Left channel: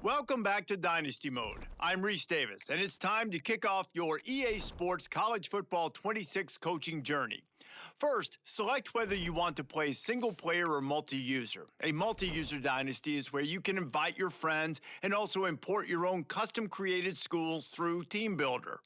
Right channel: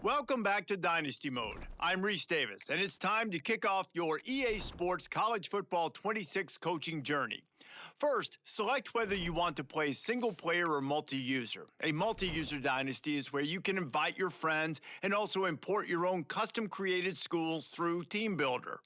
Welcome back to Dynasty Mode. I'm Reese Davis, and it's time to kick off your EA Sports College Football 26 coaching journey. First, select whether you want to play single-player or multi-user. A multi-user dynasty is where you can invite your friends and also import your own custom-created schools through Teambuildr.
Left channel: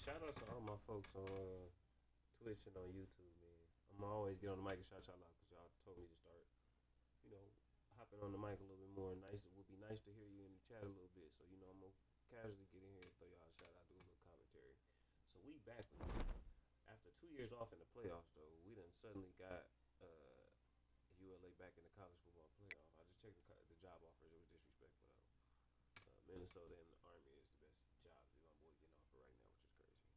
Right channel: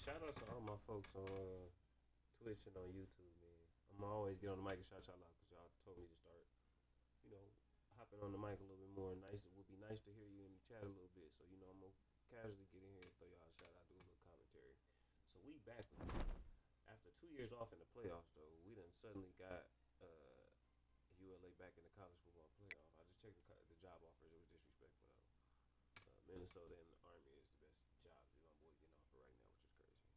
Shout out to all my folks on Twitch and on YouTube, man. I'm always get on the mic and shout y'all out because y'all told me to start, hopping on the mic a little bit more. Nice. It would be nice to hear you in the chat a little bit. So, I'm going to casually get in here and throw y'all a shout out, do a little commentary. So, we back with you. After 2 years off in the playoffs, though, we done suddenly got ULA back in the college football playoff. I just checked the job offers. It was disrespectful, though. Minnesota and the Army is the best jobs my boy getting offered right now, which is crazy.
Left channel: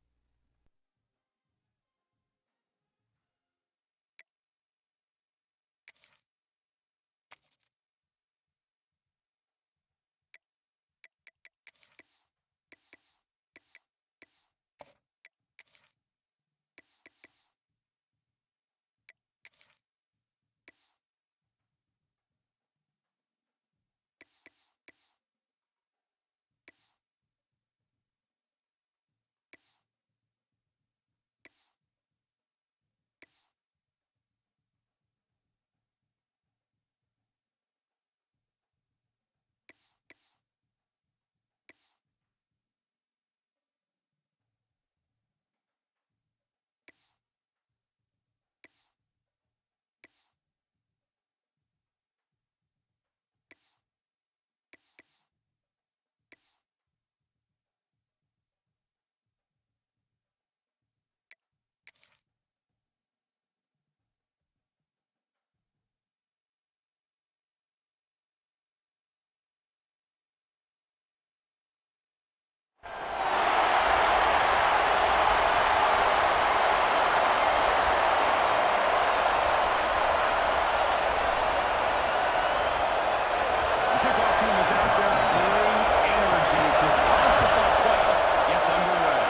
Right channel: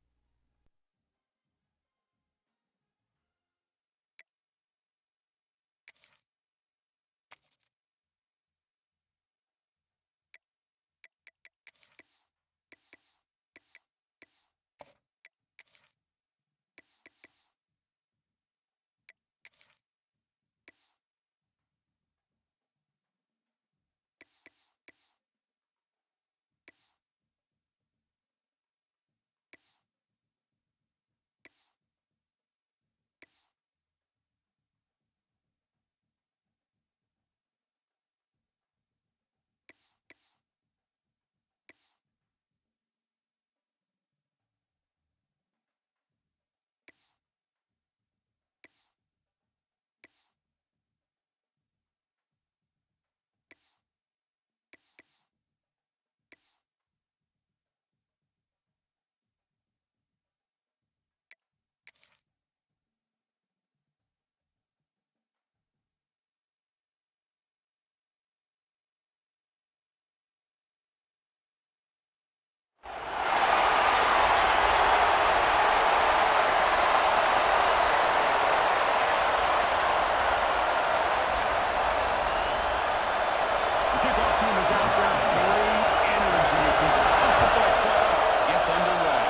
Team is out there. Great energy as this college football playoff gets underway.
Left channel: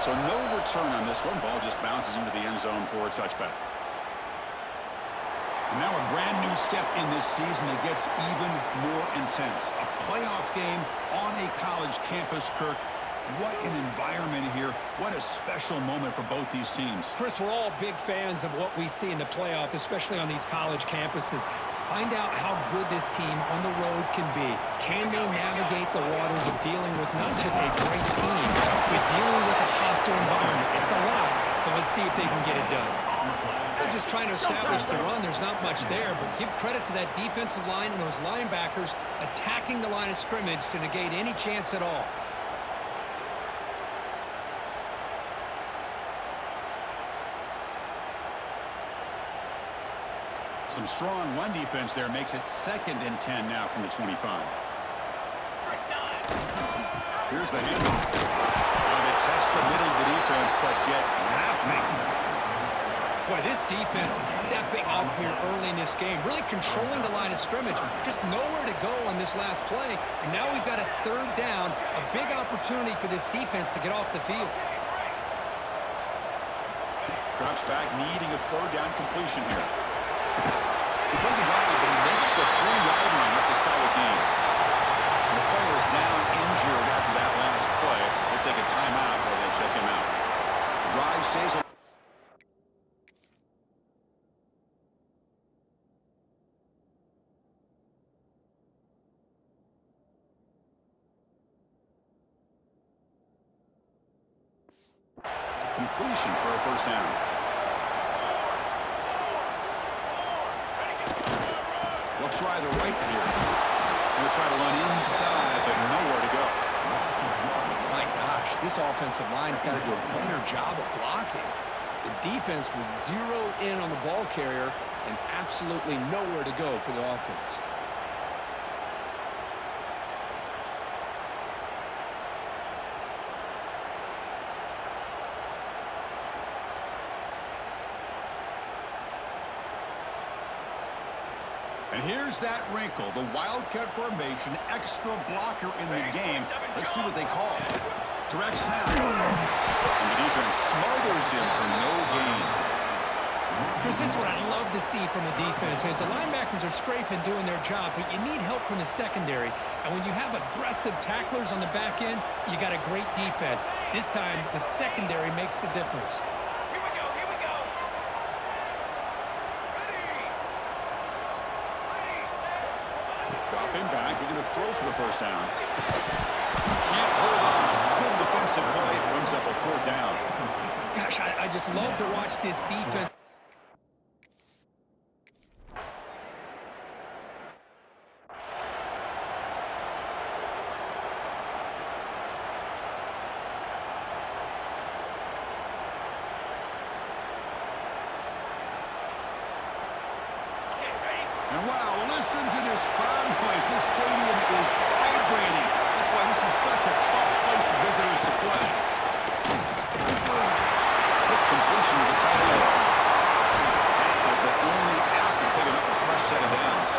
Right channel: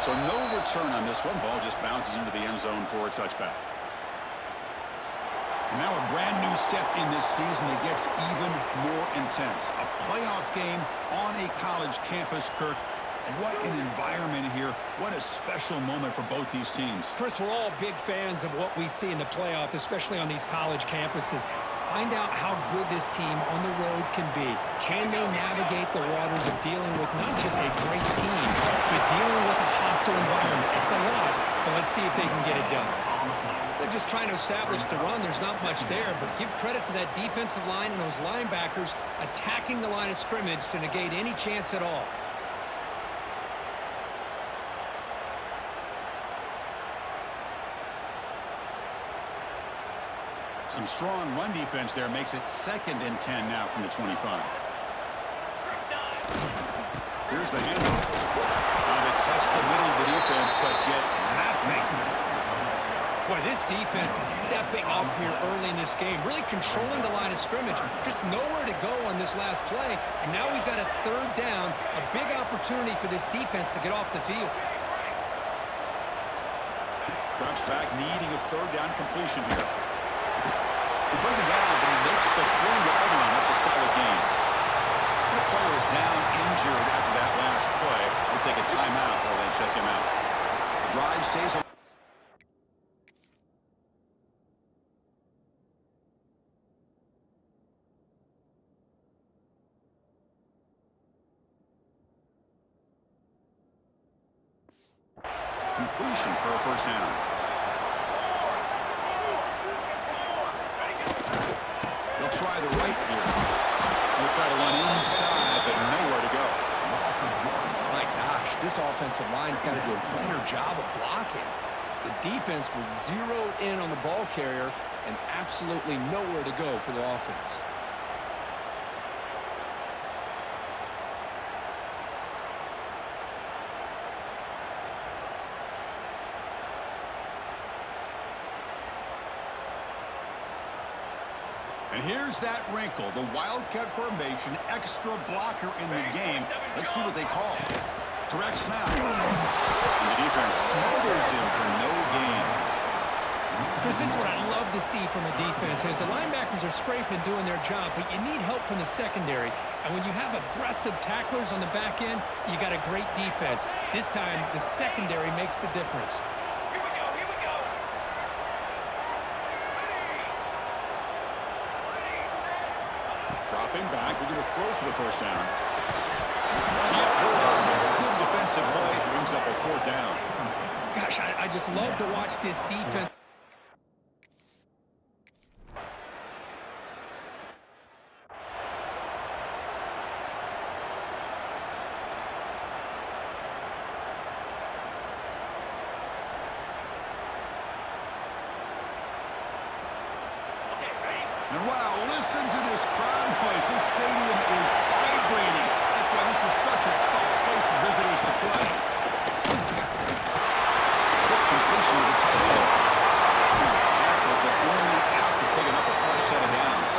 So no return on this one. Ball just bounces into the end zone for a touchback. And now a brand new step in this season that gets even more intense. A playoff game on a college campus, Kirk. What an environment here. What a special moment for both these teams. Chris, we're all big fans of what we see in the playoff, especially on these college campuses. Find out how good this team on the road can be. Can they navigate the waters of dealing with not just a great team, but dealing with a hostile environment? It's a lot, but let's see if they can get it done. They're just trying to establish the run. There's not much there, but give credit to that defensive line and those linebackers attacking the line of scrimmage to negate any chance at all. Some strong run defense there makes it 2nd and 10 now from the 25. Here's the handoff. They test the middle of the defense, but get nothing. Boy, this defense is stepping up here early in this game, really controlling the line of scrimmage. Just nowhere to go on this last play, and now we've got a 3rd down, a big opportunity for this defense to get off the field. Drops back, needing a 3rd down completion here. He brings it down, but he makes the 4-yard line. That's a solid gain. The player is down injured after that last play. They'll take a timeout while they check him out. The drive stays alive. Completion for a 1st down. They'll try the right here. They'll try to run inside, but nowhere to go. My gosh, this offensive line's got to do a better job of blocking. The defense was zeroed in on the ball carrier and absolutely nowhere to go for the offense. And here's that wrinkle, the Wildcat formation, extra blocker in the game. Let's see what they call. Direct snap. And the defense smothers him for no gain. Chris, this is what I love to see from a defense is the linebackers are scraping, doing their job, but you need help from the secondary. And when you have aggressive tacklers on the back end, you got a great defense. This time, the secondary makes the difference. Dropping back, we're going to throw for the 1st down. Can't hold on. Good defensive play, brings up a 4th down. Gosh, I just love to watch this defense. And wow, listen to this crowd noise. This stadium is vibrating. That's why this is such a tough place for visitors to play. Quick completion to the tight end. Tackle, but only after picking up a fresh set of downs.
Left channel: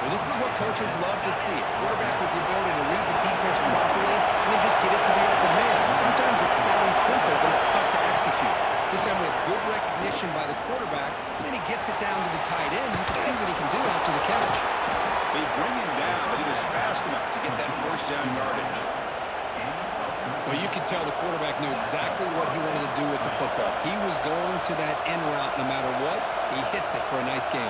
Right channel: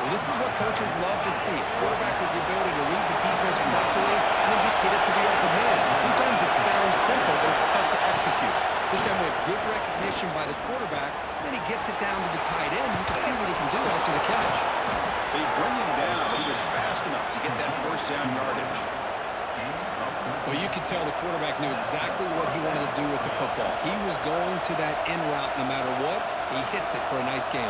Well, this is what coaches love to see. A quarterback with the ability to read the defense properly and then just get it to the open man. Sometimes it sounds simple, but it's tough to execute. This time we have good recognition by the quarterback, and then he gets it down to the tight end. You can see what he can do after the catch. They bring him down, but he was fast enough to get that 1st down yardage. Well, you could tell the quarterback knew exactly what he wanted to do with the football. He was going to that in route no matter what. He hits it for a nice gain.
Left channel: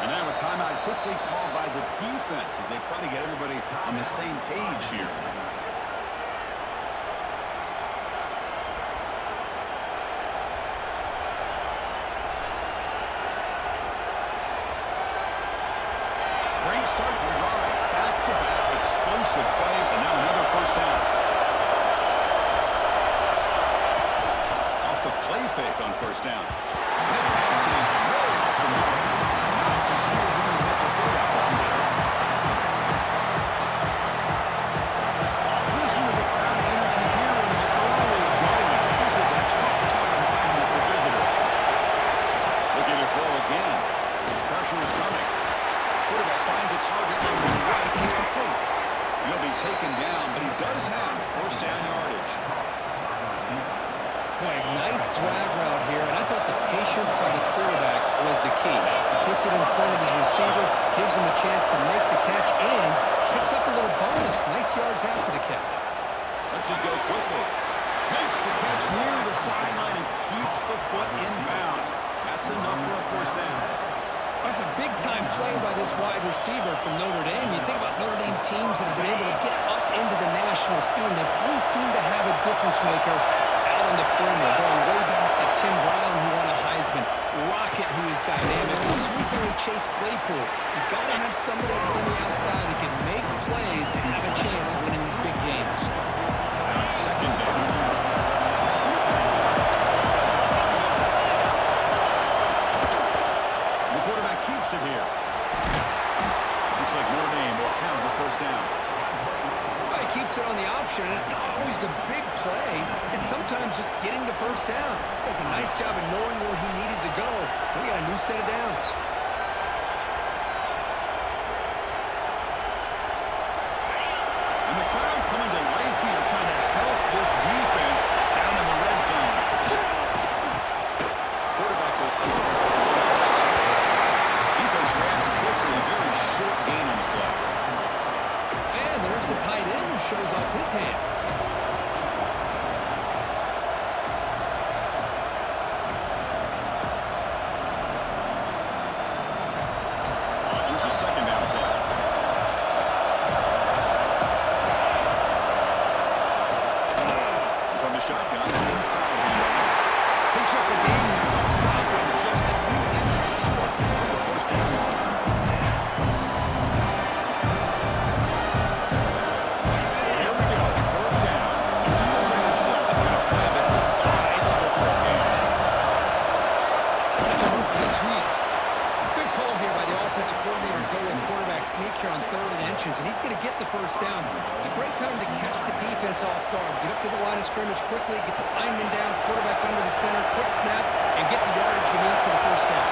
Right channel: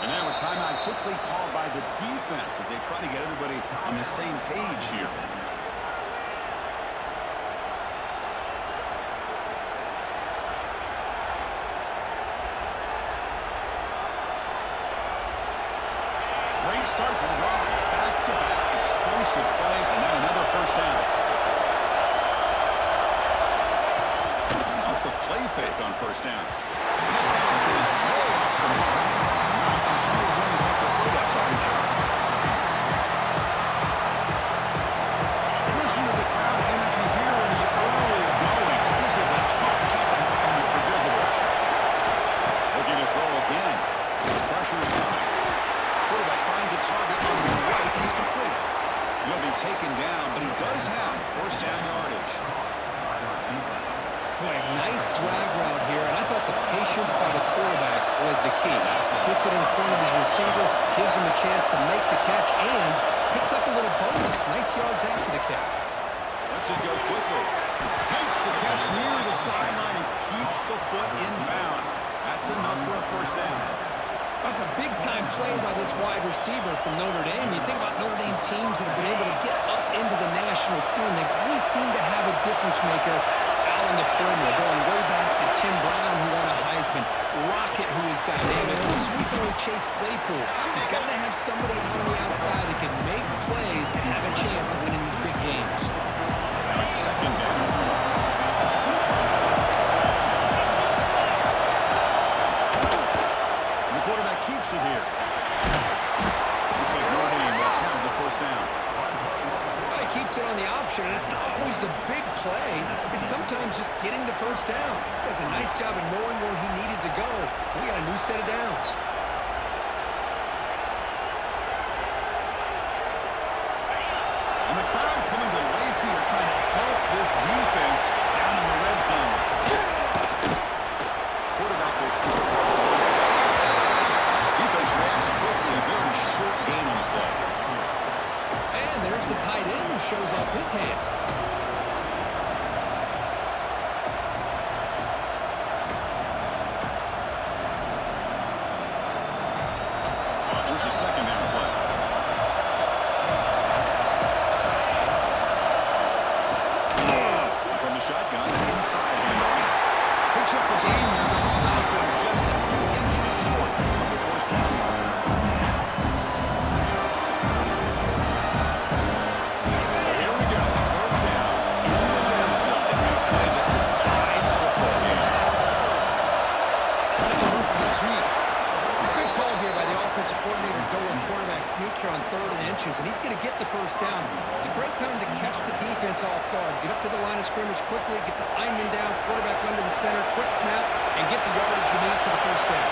And now a timeout quickly called by the defense as they try to get everybody on the same page here. Great start for the drive. Back-to-back explosive plays, and now another 1st down. Off the play fake on 1st down. And that pass is way off the mark. Not sure who he meant to throw that ball to. Listen to the crowd energy here in the early going. This is a tough, tough environment for visitors. Looking to throw again. Pressure is coming. Quarterback finds a target on the right. He's complete. He'll be taken down, but he does have 1st down yardage. Boy, nice drag route here, and I thought the patience by the quarterback was the key. Puts it in front of his receiver, gives him a chance to make the catch, and picks up a little bonus. Nice yards after the catch. Lets it go quickly. Makes the catch near the sideline and keeps the foot in bounds. That's enough for a first down. That's a big-time play by this wide receiver from Notre Dame. You think about Notre Dame teams that have been able to get up into the national scene. They've always seemed to have a difference maker out on the perimeter, going way back to Tim Brown, who won a Heisman, Rocket, who is dynamic, who's recently Chase Claypool. You got to have somebody on the outside that can make plays to have a chance of winning these big games. Now it's second down. Quarterback keeps it here. Looks like Notre Dame will have the first down. Well, he keeps it on the option, and it's not always the big play. It's sometimes just getting the first down. He does a nice job of knowing where he needed to go. We got a new set of downs. And the crowd coming to life here, trying to help this defense down in the red zone. Quarterback will throw off the one pass option. Defense reacts quickly, a very short gain on the play. And there's the tight end who shows off his hands. Here's the second down play. And from the shotgun, inside handoff. Picks up a gain here. They'll stop him just a few inches short of the first down line. So here we go. Third down in the red zone. The kind of play that decides football games. The sneak. Good call here by the offensive coordinator to go with quarterback sneak here on 3rd and inches, and he's going to get the first down. It's a great time to catch the defense off guard. Get up to the line of scrimmage quickly, get the lineman down, quarterback under the center, quick snap, and get the yardage you need for the first down.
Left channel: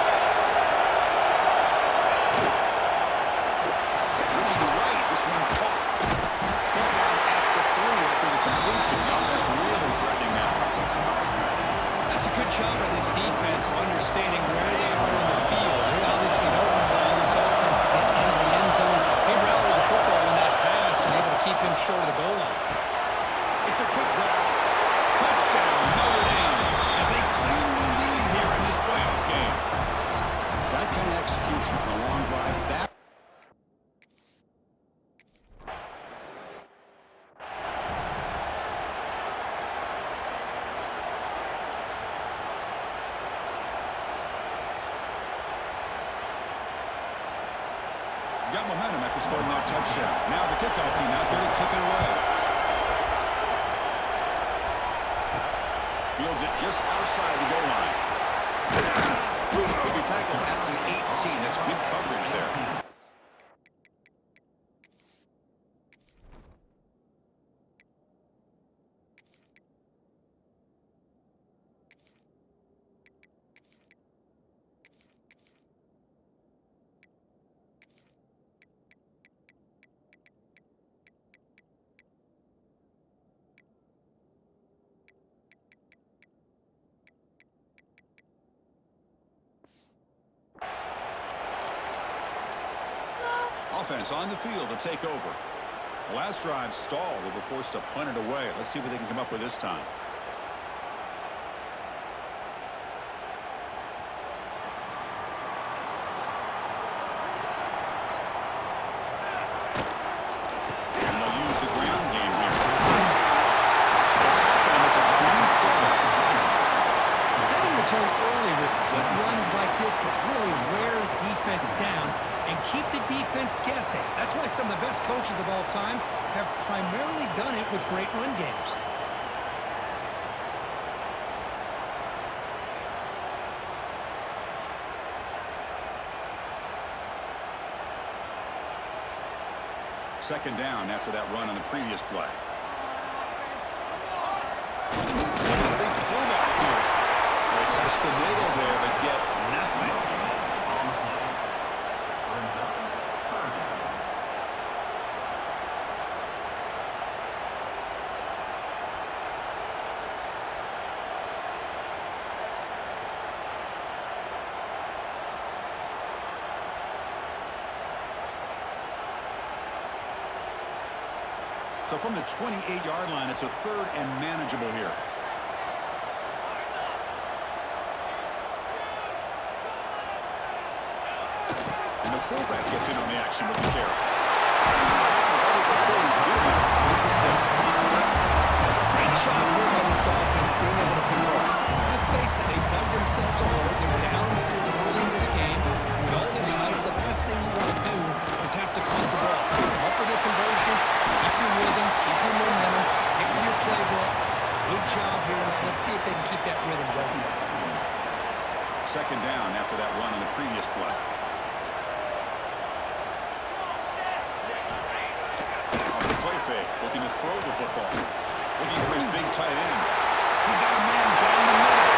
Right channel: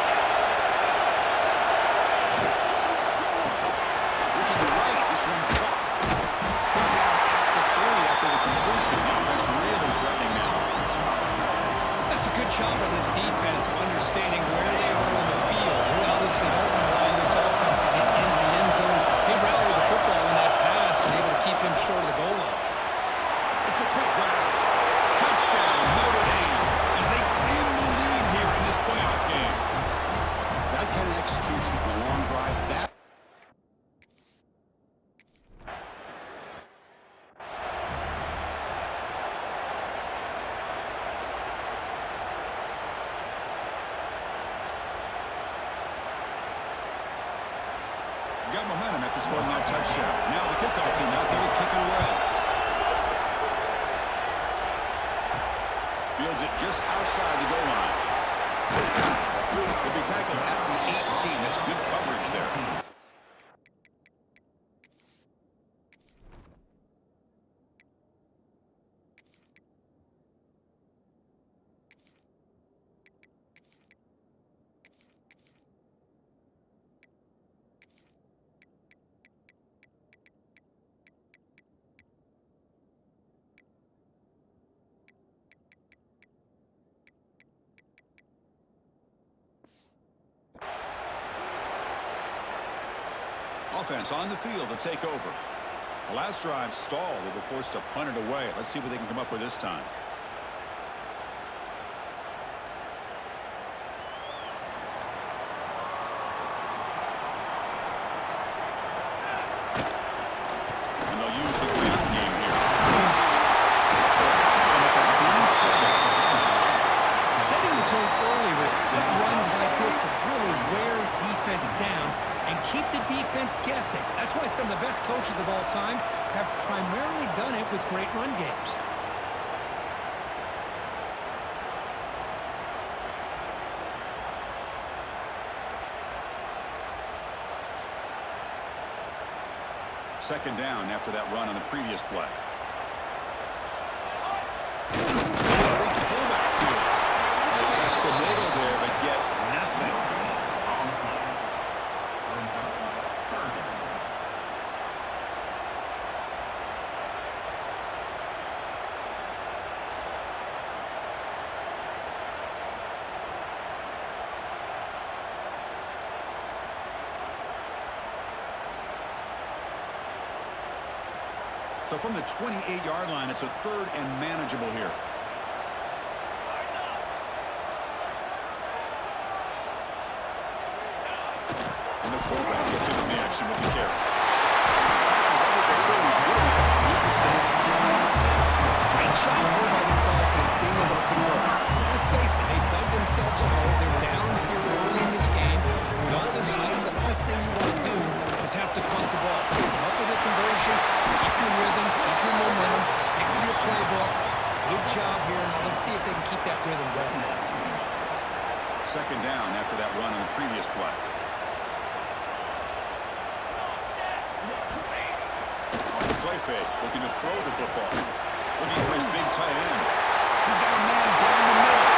Ricky to right, this one caught. Brought down at the 3 after the completion. The offense really threatening now. That's a good job by this defense of understanding where they are on the field. They obviously don't allow this offense to get into the end zone. They rallied the football on that pass and able to keep him short of the goal line. It's a quick grab. Touchdown, Notre Dame, as they claim the lead here in this playoff game. That kind of execution on a long drive back. Got momentum after scoring that touchdown. Now the kickoff team out there to kick it away. Fields it just outside the goal line. He'll be tackled at the 18. That's good coverage there. Offense on the field to take over. The last drive stalled. They were forced to punt it away. Let's see what they can come up with this time. And they'll use the ground game here. They'll tackle him at the 27. Setting the tone early with good runs like this can really wear defense down and keep the defense guessing. That's why some of the best coaches of all time have primarily done it with great run games. Second down after that run on the previous play. Big fullback here. They test the middle there, but get nothing. So from the 28-yard line, it's a 3rd and manageable here. And the fullback gets in on the action with the carry. Great job here by this offense being able to convert. Let's face it, they've dug themselves a hole. They're down here early in this game. With all this hype, the last thing you want to do is have to punt the ball. Come up with a conversion, keep your rhythm, keep your momentum, stick to your playbook. Good job here. Now let's see if they can keep that rhythm going. 2nd down after that run on the previous play. Off the play fake, looking to throw the football. Looking for his big tight end. He's got a man down the middle.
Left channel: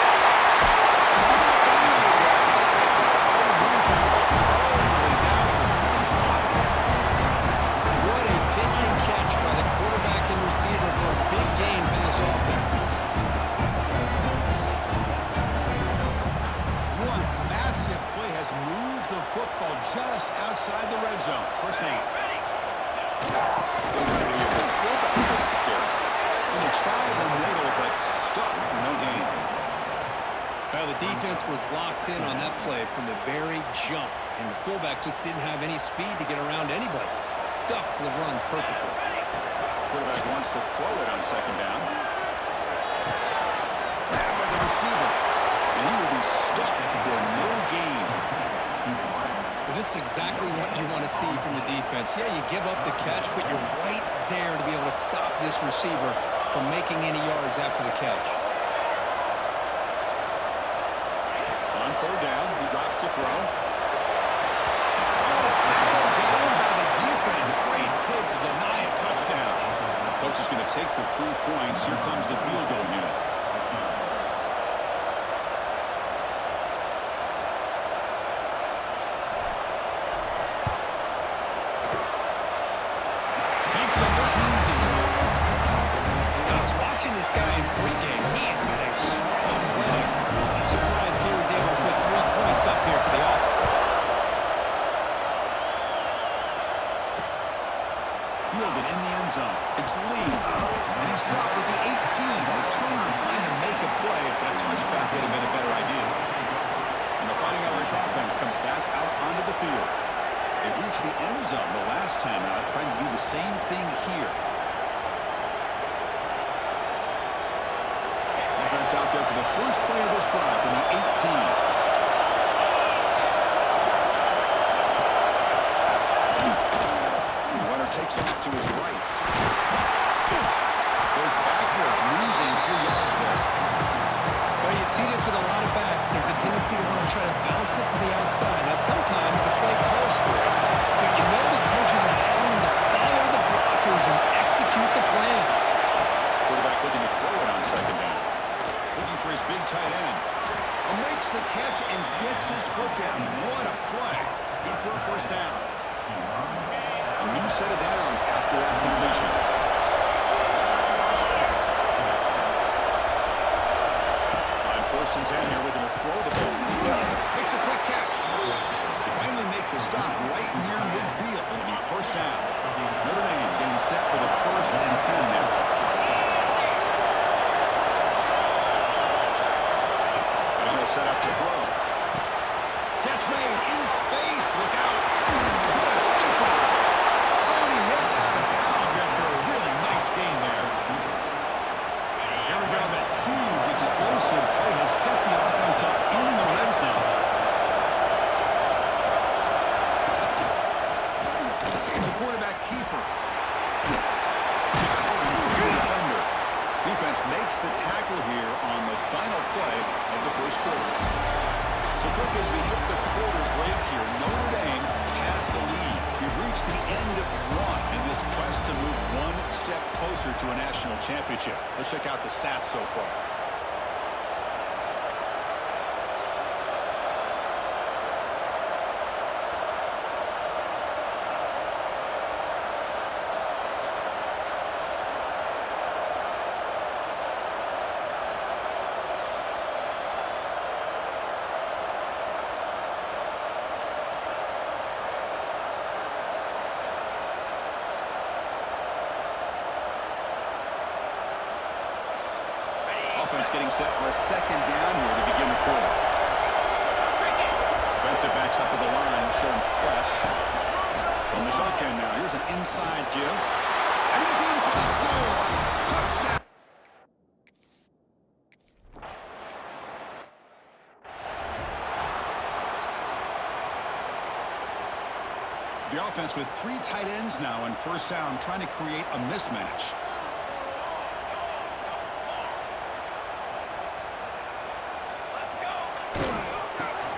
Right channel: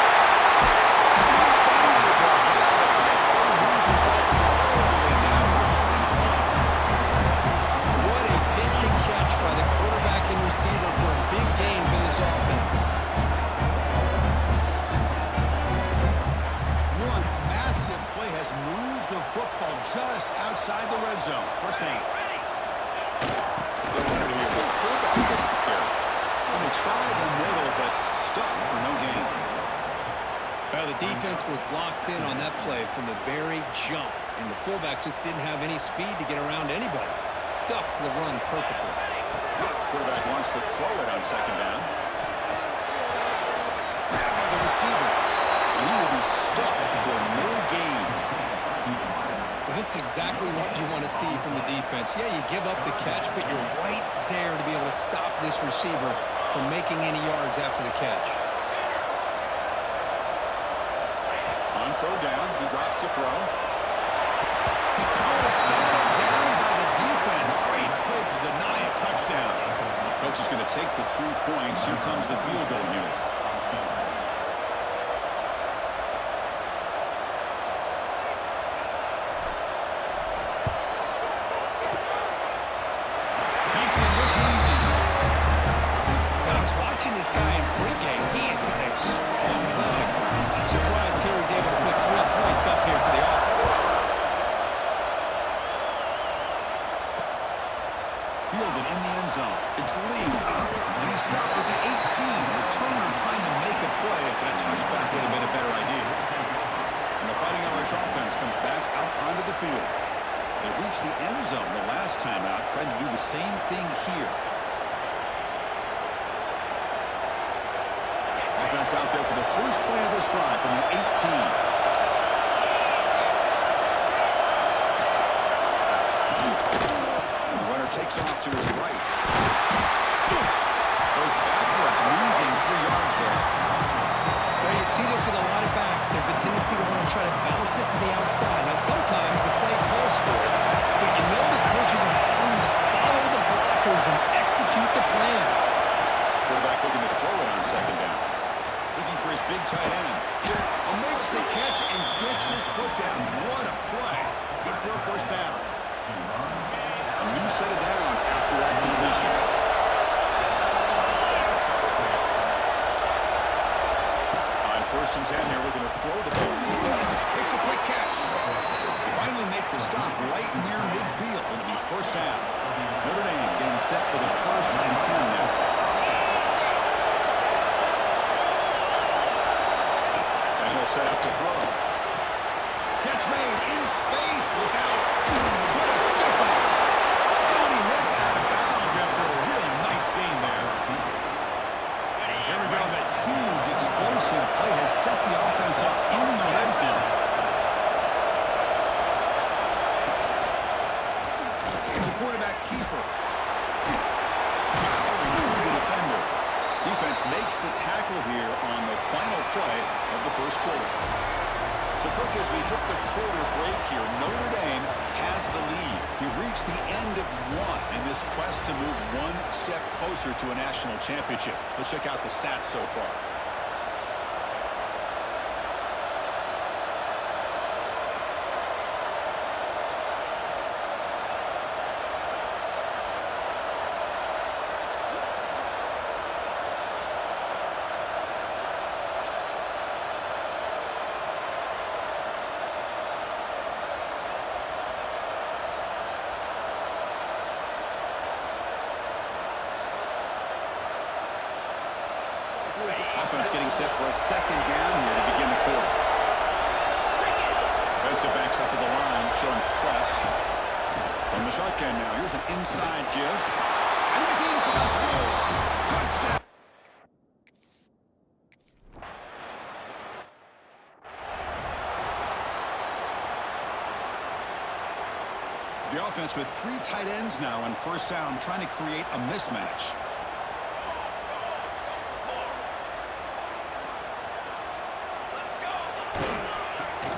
Finally brought down, but that play moves the ball all the way down to the 21. What a pitch and catch by the quarterback and receiver for a big gain for this offense. One massive play has moved the football just outside the red zone. 1st and 8. They run it here. The fullback gets the carry. And they try the middle, but stuck for no gain. Well, the defense was locked in on that play from the very jump, and the fullback just didn't have any speed to get around anybody. Stuffed the run perfectly. Quarterback wants to throw it on 2nd down. Grabbed by the receiver, and he will be stuffed for no gain. Well, this is exactly what you want to see from the defense. Yeah, you give up the catch, but you're right there to be able to stop this receiver from making any yards after the catch. On 3rd down, he drops to throw. Oh, it's battled down by the defense. Great play to deny a touchdown. Coach is going to take the 3 points. Here comes the field goal unit. Watching this guy in pregame, he's got a strong leg. I'm surprised here he's able to put 3 points up here for the offense. Fielded in the end zone. It's Lee. And he stopped with the 18. Returner trying to make a play, but a touchback would have been a better idea. And the Fighting Irish offense comes back out onto the field. They reached the end zone the last time out, trying to do the same thing here. Offense out there for the first play of this drive from the 18. The runner takes off to his right. Goes backwards, losing 3 yards there. Well, you see this with a lot of backs. There's a tendency to want to try to bounce it to the outside. Now, sometimes the play calls for it, but you know the coaches are telling them to follow the blockers and execute the plan. Quarterback looking to throw it on 2nd down. Looking for his big tight end. Makes the catch and gets his foot down. What a play. Good for a 1st down. A new set of downs after that completion. On 1st and 10 here, looking to throw the ball. Makes a quick catch. They finally make the stop right near midfield. It'll be 1st down. Notre Dame getting set for the 1st and 10 now. Set up to throw. Catch made in space. Look out. What a stiff arm. Oh, and he hits out of bounds after a really nice game there. Here we go. That huge explosive play has set the offense up in the red zone. It's a quarterback keeper. Powering through the defender. Defense makes the tackle here on the final play of the 1st quarter. So, Cook, as we hit the quarter break here, Notre Dame has the lead. We've reached the end of 1 in this quest to move 1 step closer to a national championship. Let's check out the stats so far. offense getting set for a second down here to begin the quarter. Defensive backs up at the line, showing press. From the shotgun now, here's an inside give. And he's in for the score. Touchdown. The offense with 3 tight ends now on first down, trying to create a mismatch.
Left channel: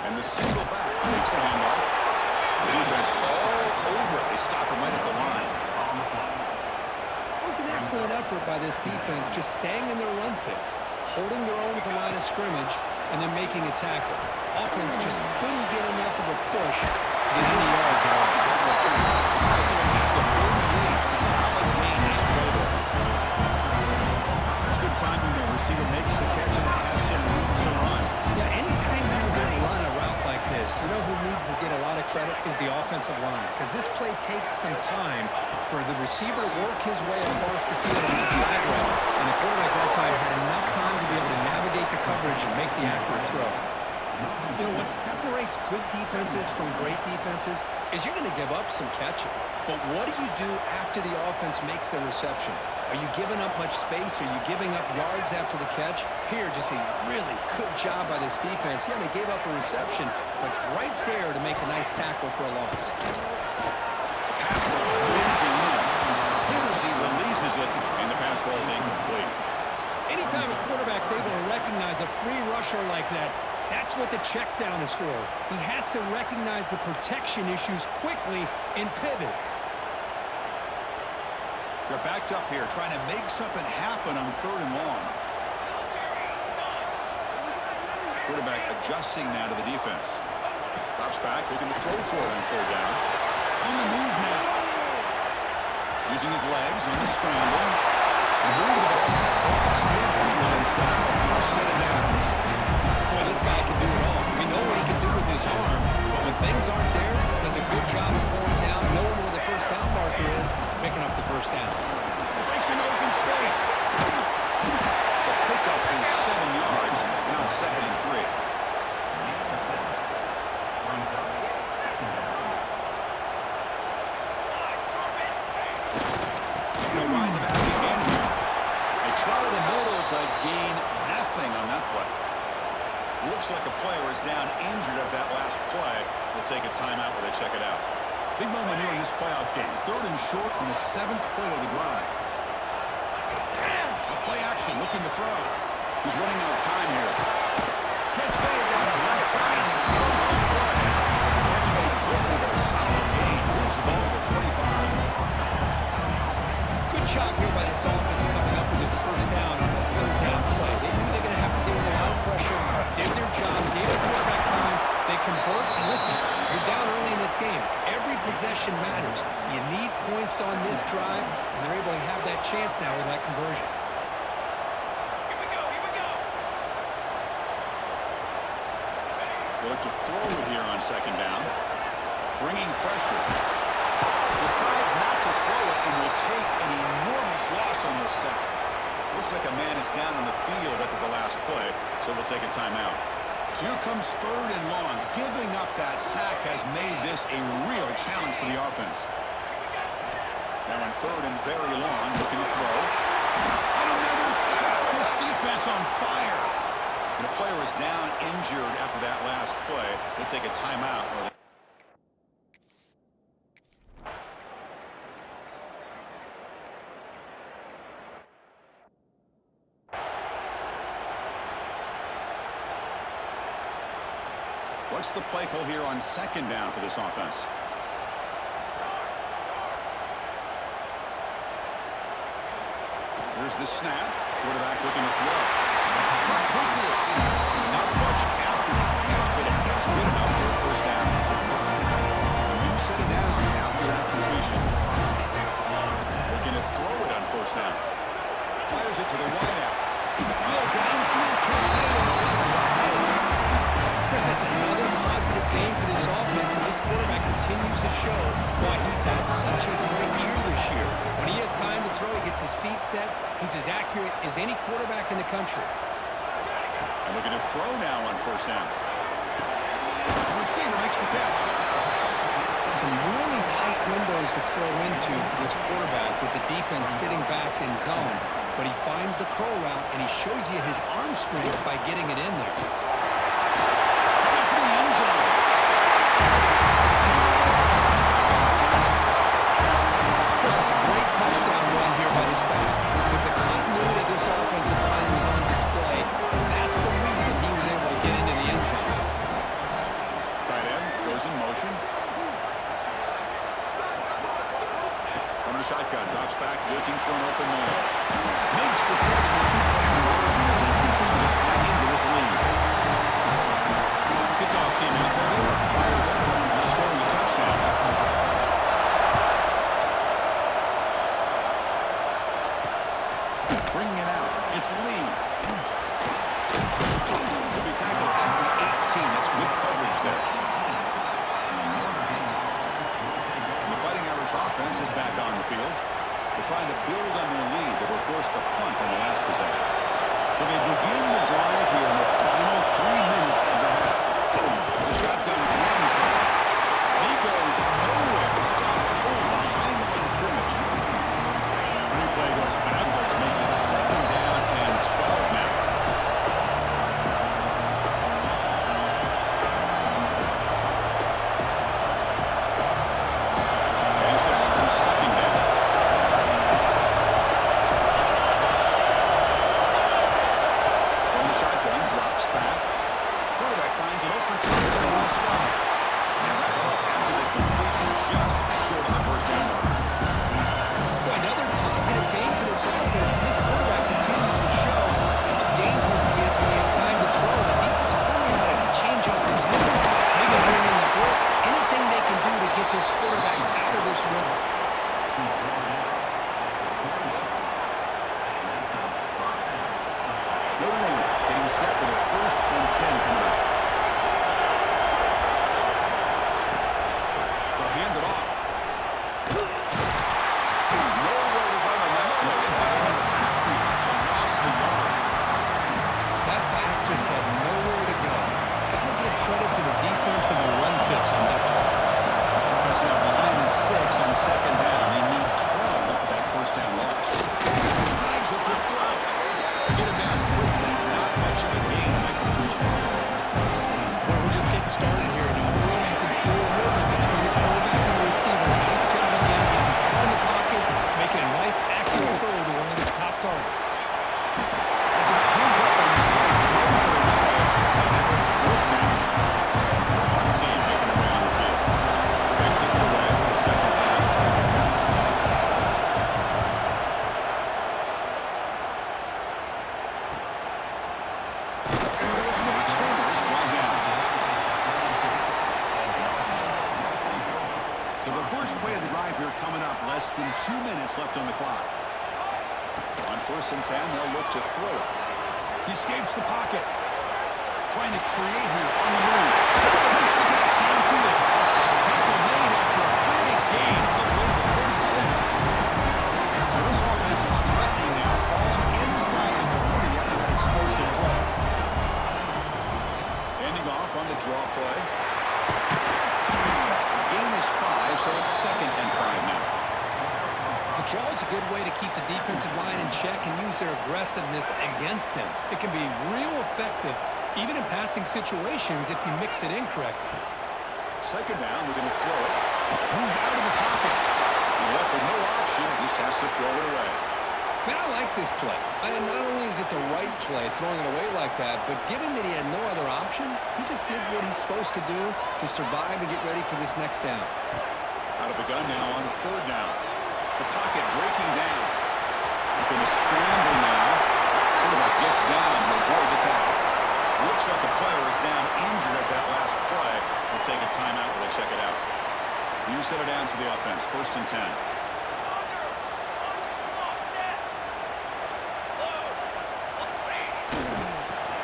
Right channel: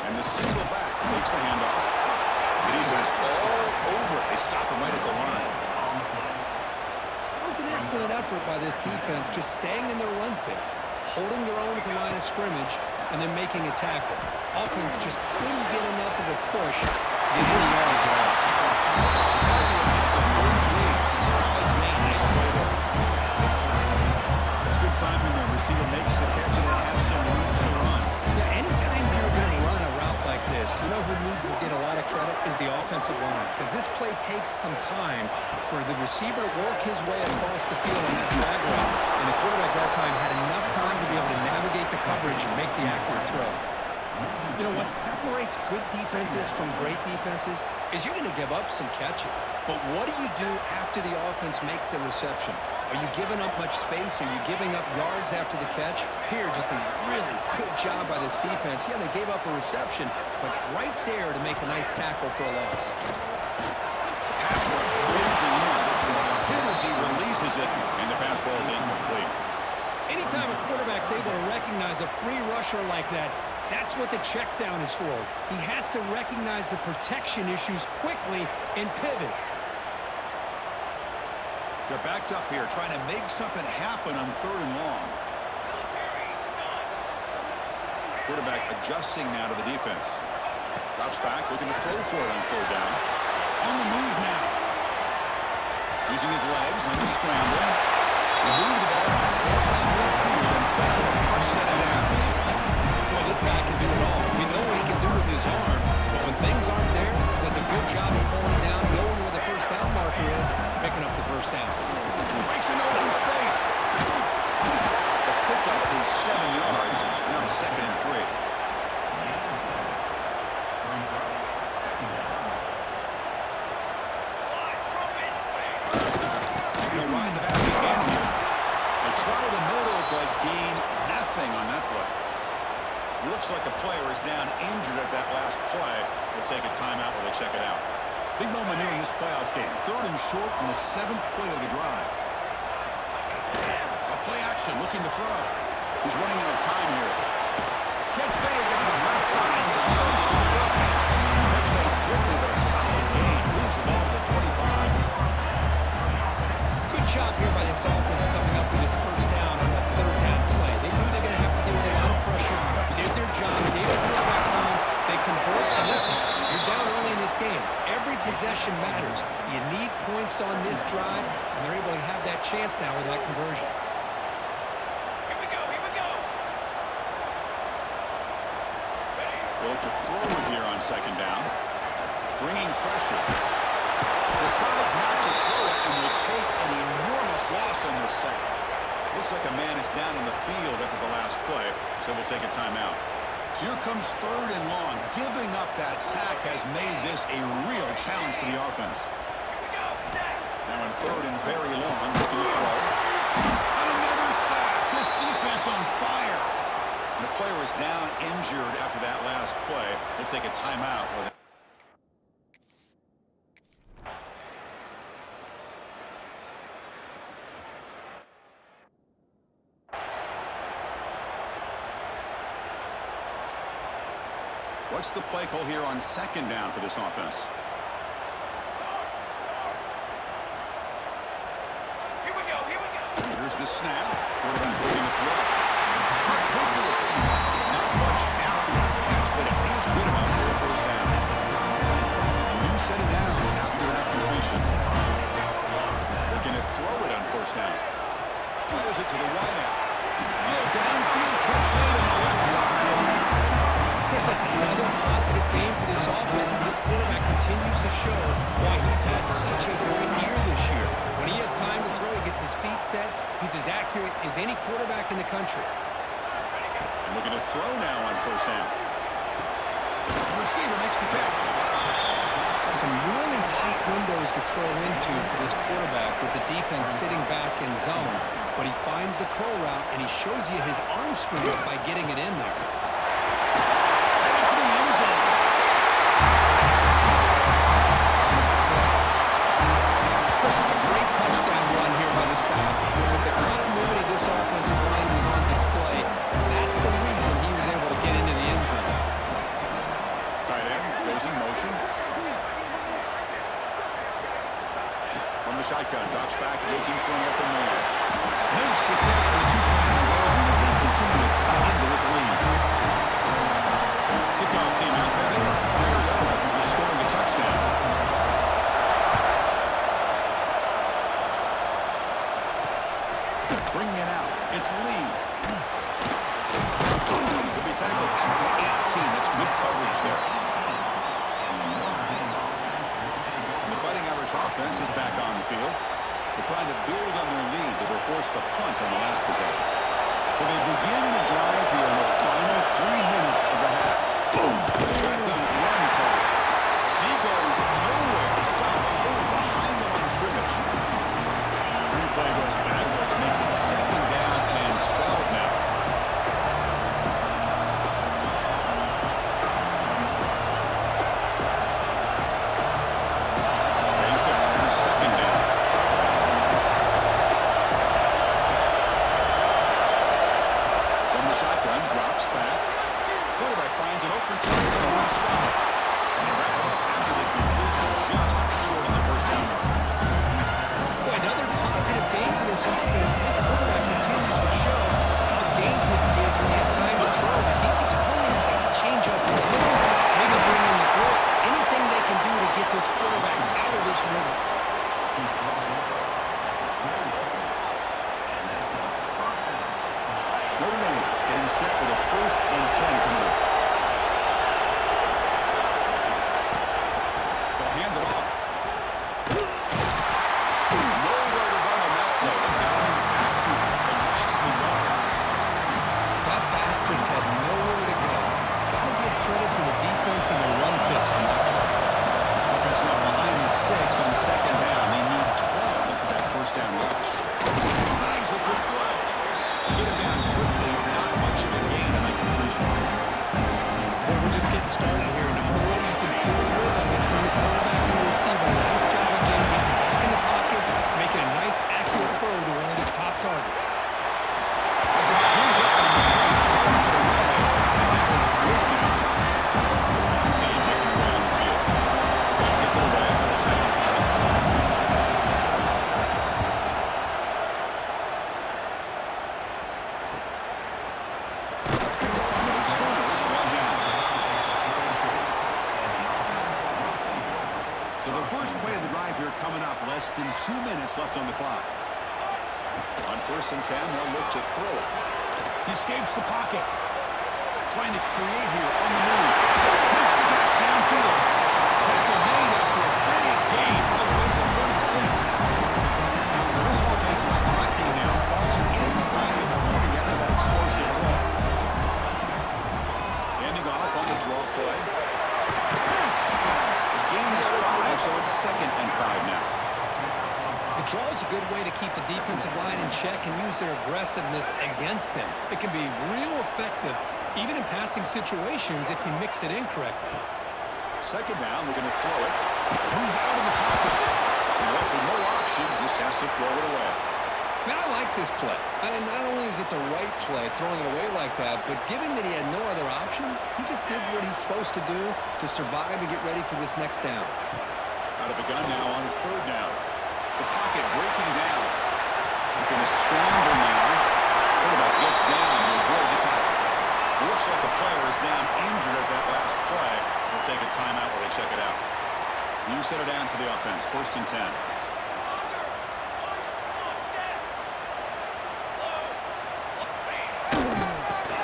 And the single back takes the handoff. The defense all over it. They stop him right at the line. It was an excellent effort by this defense, just staying in their run fits, holding their own at the line of scrimmage, and then making a tackle. Offense just couldn't get enough of a push to get any yards at all. The tackle at the 38. Solid gain. Nice play there. That's good timing there. Receiver makes the catch and it has some room to run. Yeah, anytime you're going to run a route like this, you know who needs to get a lot of credit is the offensive line. Because this play takes some time for the receiver to work his way across the field on that drag route. And the quarterback that time had enough time to be able to navigate the coverage and make the accurate throw. You know, what separates good defenses from great defenses is you're going to give up some catches. But what do you do after the offense makes the reception? Are you giving up much space? Are you giving up yards after the catch? Here, just a really good job by this defense. Yeah, they gave up a reception, but right there to make a nice tackle for a loss. The pass rush closing in. Hit as he releases it, and the pass ball is incomplete. Anytime a quarterback's able to recognize a free rusher like that, that's what the check down is for. He has to recognize the protection issues quickly and pivot. They're backed up here, trying to make something happen on 3rd and long. Quarterback adjusting now to the defense. Drops back, looking to throw for it on 3rd down. On the move now. Using his legs on the scramble. They move the ball across midfield and set up a fresh set of downs. Boy, this guy can do it all. We know what he can do with his arm, but when things aren't there, does a good job of pulling it down, knowing where the first down marker is, picking up the first down. Breaks an open space. The pickup is 7 yards. Now it's 2nd and 3. They'll ride the back again here. They try the middle, but gain nothing on that play. Looks like a player is down injured at that last play. We'll take a timeout while they check it out. Big moment here in this playoff game. 3rd and short in the 7th play of the drive. A play action looking to throw. He's running out of time here. Catch made down the left side. Explosive play. Catch made quickly, but a solid gain. Moves the ball to the 25. Good job here by this offense coming up with this first down on the 3rd down play. They knew they were going to have to deal with a lot of pressure, did their job, gave the quarterback time, they convert, and listen, you're down early in this game. Every possession matters. You need points on this drive, and they're able to have that chance now with that conversion. Here we go, here we go. They look to throw it here on 2nd down. Bringing pressure. Decides not to throw it and will take an enormous loss on this second. Looks like a man is down on the field after the last play, so we'll take a timeout. So here comes 3rd and long. Giving up that sack has made this a real challenge for the offense. Now in 3rd and very long, looking to throw. And another sack. This defense on fire. And a player is down injured after that last play. We'll take a timeout. What's the play call here on 2nd down for this offense? Here's the snap. Quarterback looking to throw. Cut quickly. Not much after the catch, but it is good enough for a first down. A new set of downs after that completion. Looking to throw it on 1st down. Fires it to the wideout. Oh, downfield catch made on the left side. Chris, that's another positive game for this offense, and this quarterback continues to show why he's had such a great year this year. When he has time to throw, he gets his feet set. He's as accurate as any quarterback in the country. And looking to throw now on first down. The receiver makes the catch. Some really tight windows to throw into for this quarterback with the defense sitting back in zone. But he finds the curl route, and he shows you his arm strength by getting it in there. Heading for the end zone. Of course, it's a great touchdown run here by this back, but the continuity of this offensive line was on display, and that's the reason he was able to get into the end zone. Tight end goes in motion. From the shotgun, drops back, looking for an open man. Makes the catch for the two-point conversion as they continue to cut into this lead. Kickoff team out there. They are fired up after just scoring a touchdown. Bringing it out. It's Lee. He'll be tackled at the 18. That's good coverage there. And the Fighting Irish offense is back on the field. They're trying to build on their lead. They were forced to punt on the last possession. So they begin the drive here in the final 3 minutes of the half. Boom! The shotgun run play. And he goes nowhere. Stop pulled behind the line of scrimmage. Replay goes backwards, makes it 2nd down and 12 now. Here's 2nd down. From the shotgun, drops back. Quarterback finds an open target on the left side. And they wrap it up after the completion just short of the first down marker. Boy, another positive game for this offense, and this quarterback continues to show how dangerous he is when he has time to throw. The defensive coordinator's got to change up his mix, maybe bring in the blitz, anything they can do to get this quarterback out of this rhythm. Notre Dame getting set with a 1st and 10 coming up. They'll hand it off. Nowhere to run on that play. They got him in the backfield. It's a loss of a yard. That back just had nowhere to go. Got to give credit to the defense and the run fits on that play. Offense now behind the sticks on 2nd down. They need 12 after that first down loss. Slides with the throw. Get him down quickly. Not much of a gain on that completion. Boy, we're just getting started here, and already you can feel a rhythm between the quarterback and the receiver. Nice job again getting back in the pocket, making a nice, accurate throw to one of his top targets. It just gives up on the play, throws it away, and now it's 4th down. One team making their way on the field. They're going to kick it away for the 2nd time. And the returner is brought down. So the first play of the drive here coming up, less than 2 minutes left on the clock. On 1st and 10, they'll look to throw it. He escapes the pocket. Trying to create here on the move. Makes the catch downfield. Tackle made after a big gain all the way to the 36. So this offense is threatening now, all inside the 40 after that explosive play. Handing off on the draw play. The gain is 5, so it's 2nd and 5 now. The draw is a good way to keep the defensive line in check and use their aggressiveness against them. It can be real effective, even in passing situations, if you mix it in correctly. 2nd down, looking to throw it. Moves out of the pocket. And left with no option, just has to throw it away. Man, I like this play. And not only is it the right play, throwing it away like that, but given that he had no other option, he just did what he's supposed to do to survive and get ready for this next down. Out of the gun now on 3rd down. The pocket breaking down. They're going to scramble now. Quarterback gets down to avoid the tackle. Looks like the player is down injured at that last play. They'll take a timeout while they check it out. New set of downs for the offense. 1st and 10.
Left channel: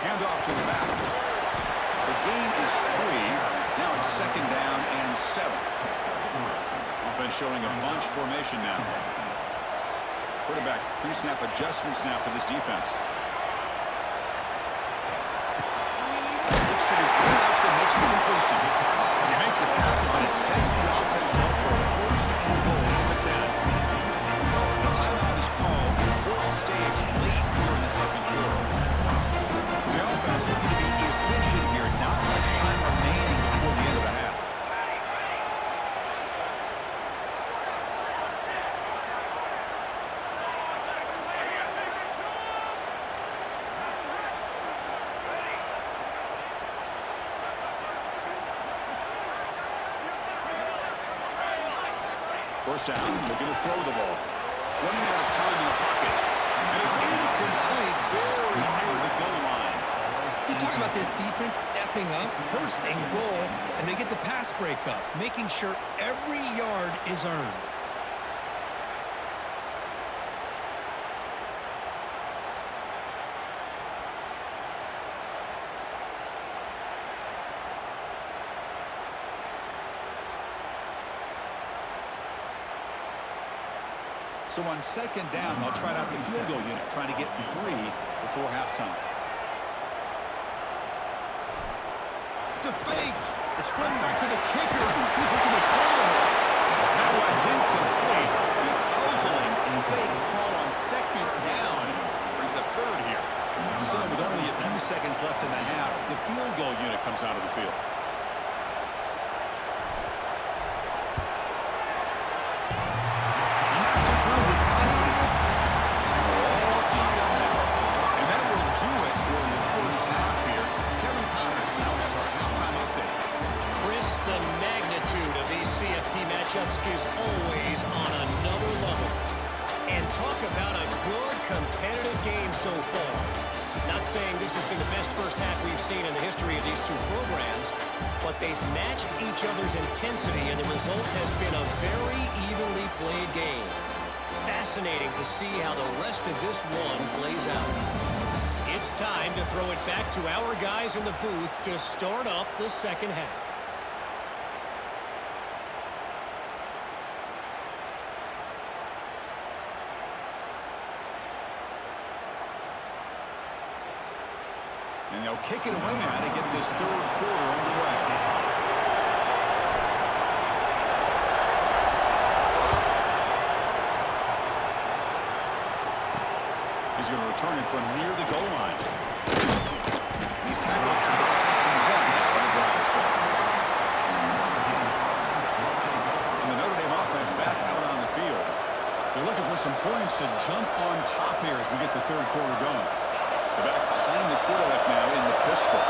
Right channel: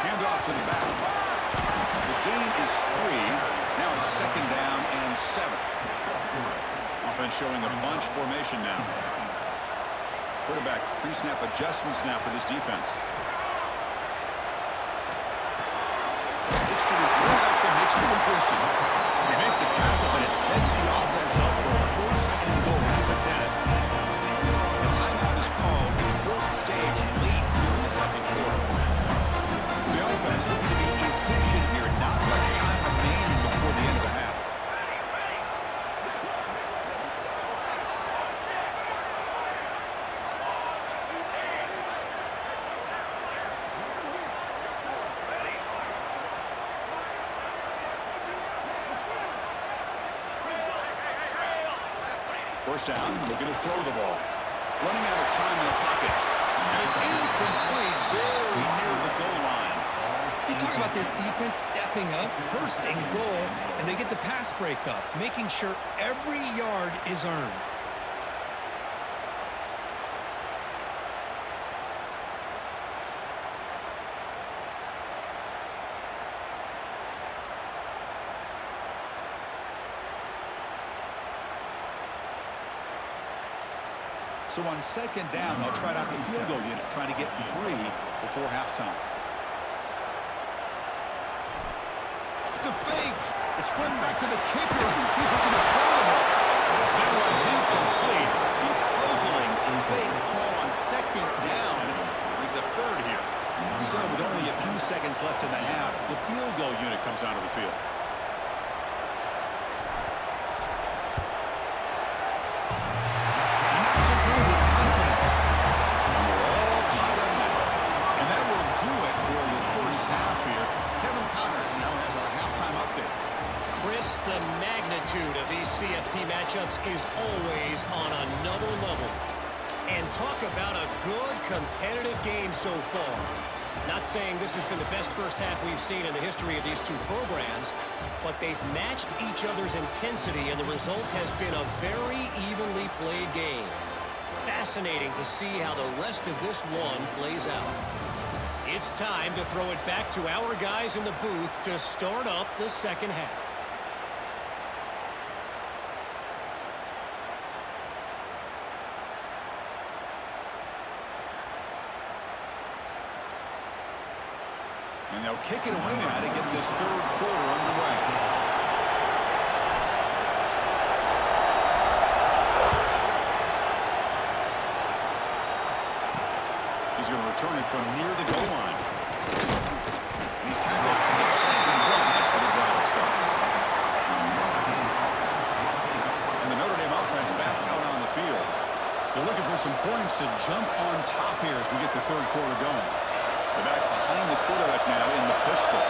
Hand off to the back. The gain is 3. Now it's 2nd down and 7. Offense showing a bunch formation now. Quarterback pre-snap adjustments now for this defense. to his left and makes the completion. They make the tackle, but it sets the offense up for a first and goal from the 10. A timeout is called, important stage late here in the second quarter. So the offense looking to be efficient here. Not much time remaining before the end of the half. First down, looking to throw the ball. Running out of time in the pocket. And it's incomplete, very near the goal line. You talk about this defense stepping up, first and goal, and they get the pass breakup, making sure every yard is earned. So on second down, they'll try out the field goal unit, trying to get 3 before halftime. To fake. It's flipped back to the kicker. He's looking to throw the ball. That one's incomplete. The puzzling fake call on second down brings up third here. So with only a few seconds left in the half, the field goal unit comes out of the field. The magnitude of these CFB matchups is always on another level. And talk about a good competitive game so far. Not saying this has been the best first half we've seen in the history of these two programs, but they've matched each other's intensity, and the result has been a very evenly played game. Fascinating to see how the rest of this one plays out. It's time to throw it back to our guys in the booth to start up the second half. And they'll kick it away now to get this third quarter underway. He's going to return it from near the goal line. He's tackled at the 21. That's where the drive will start. And the Notre Dame offense back out on the field. They're looking for some points to jump on top here as we get the third quarter going. The back behind the quarterback now in the pistol.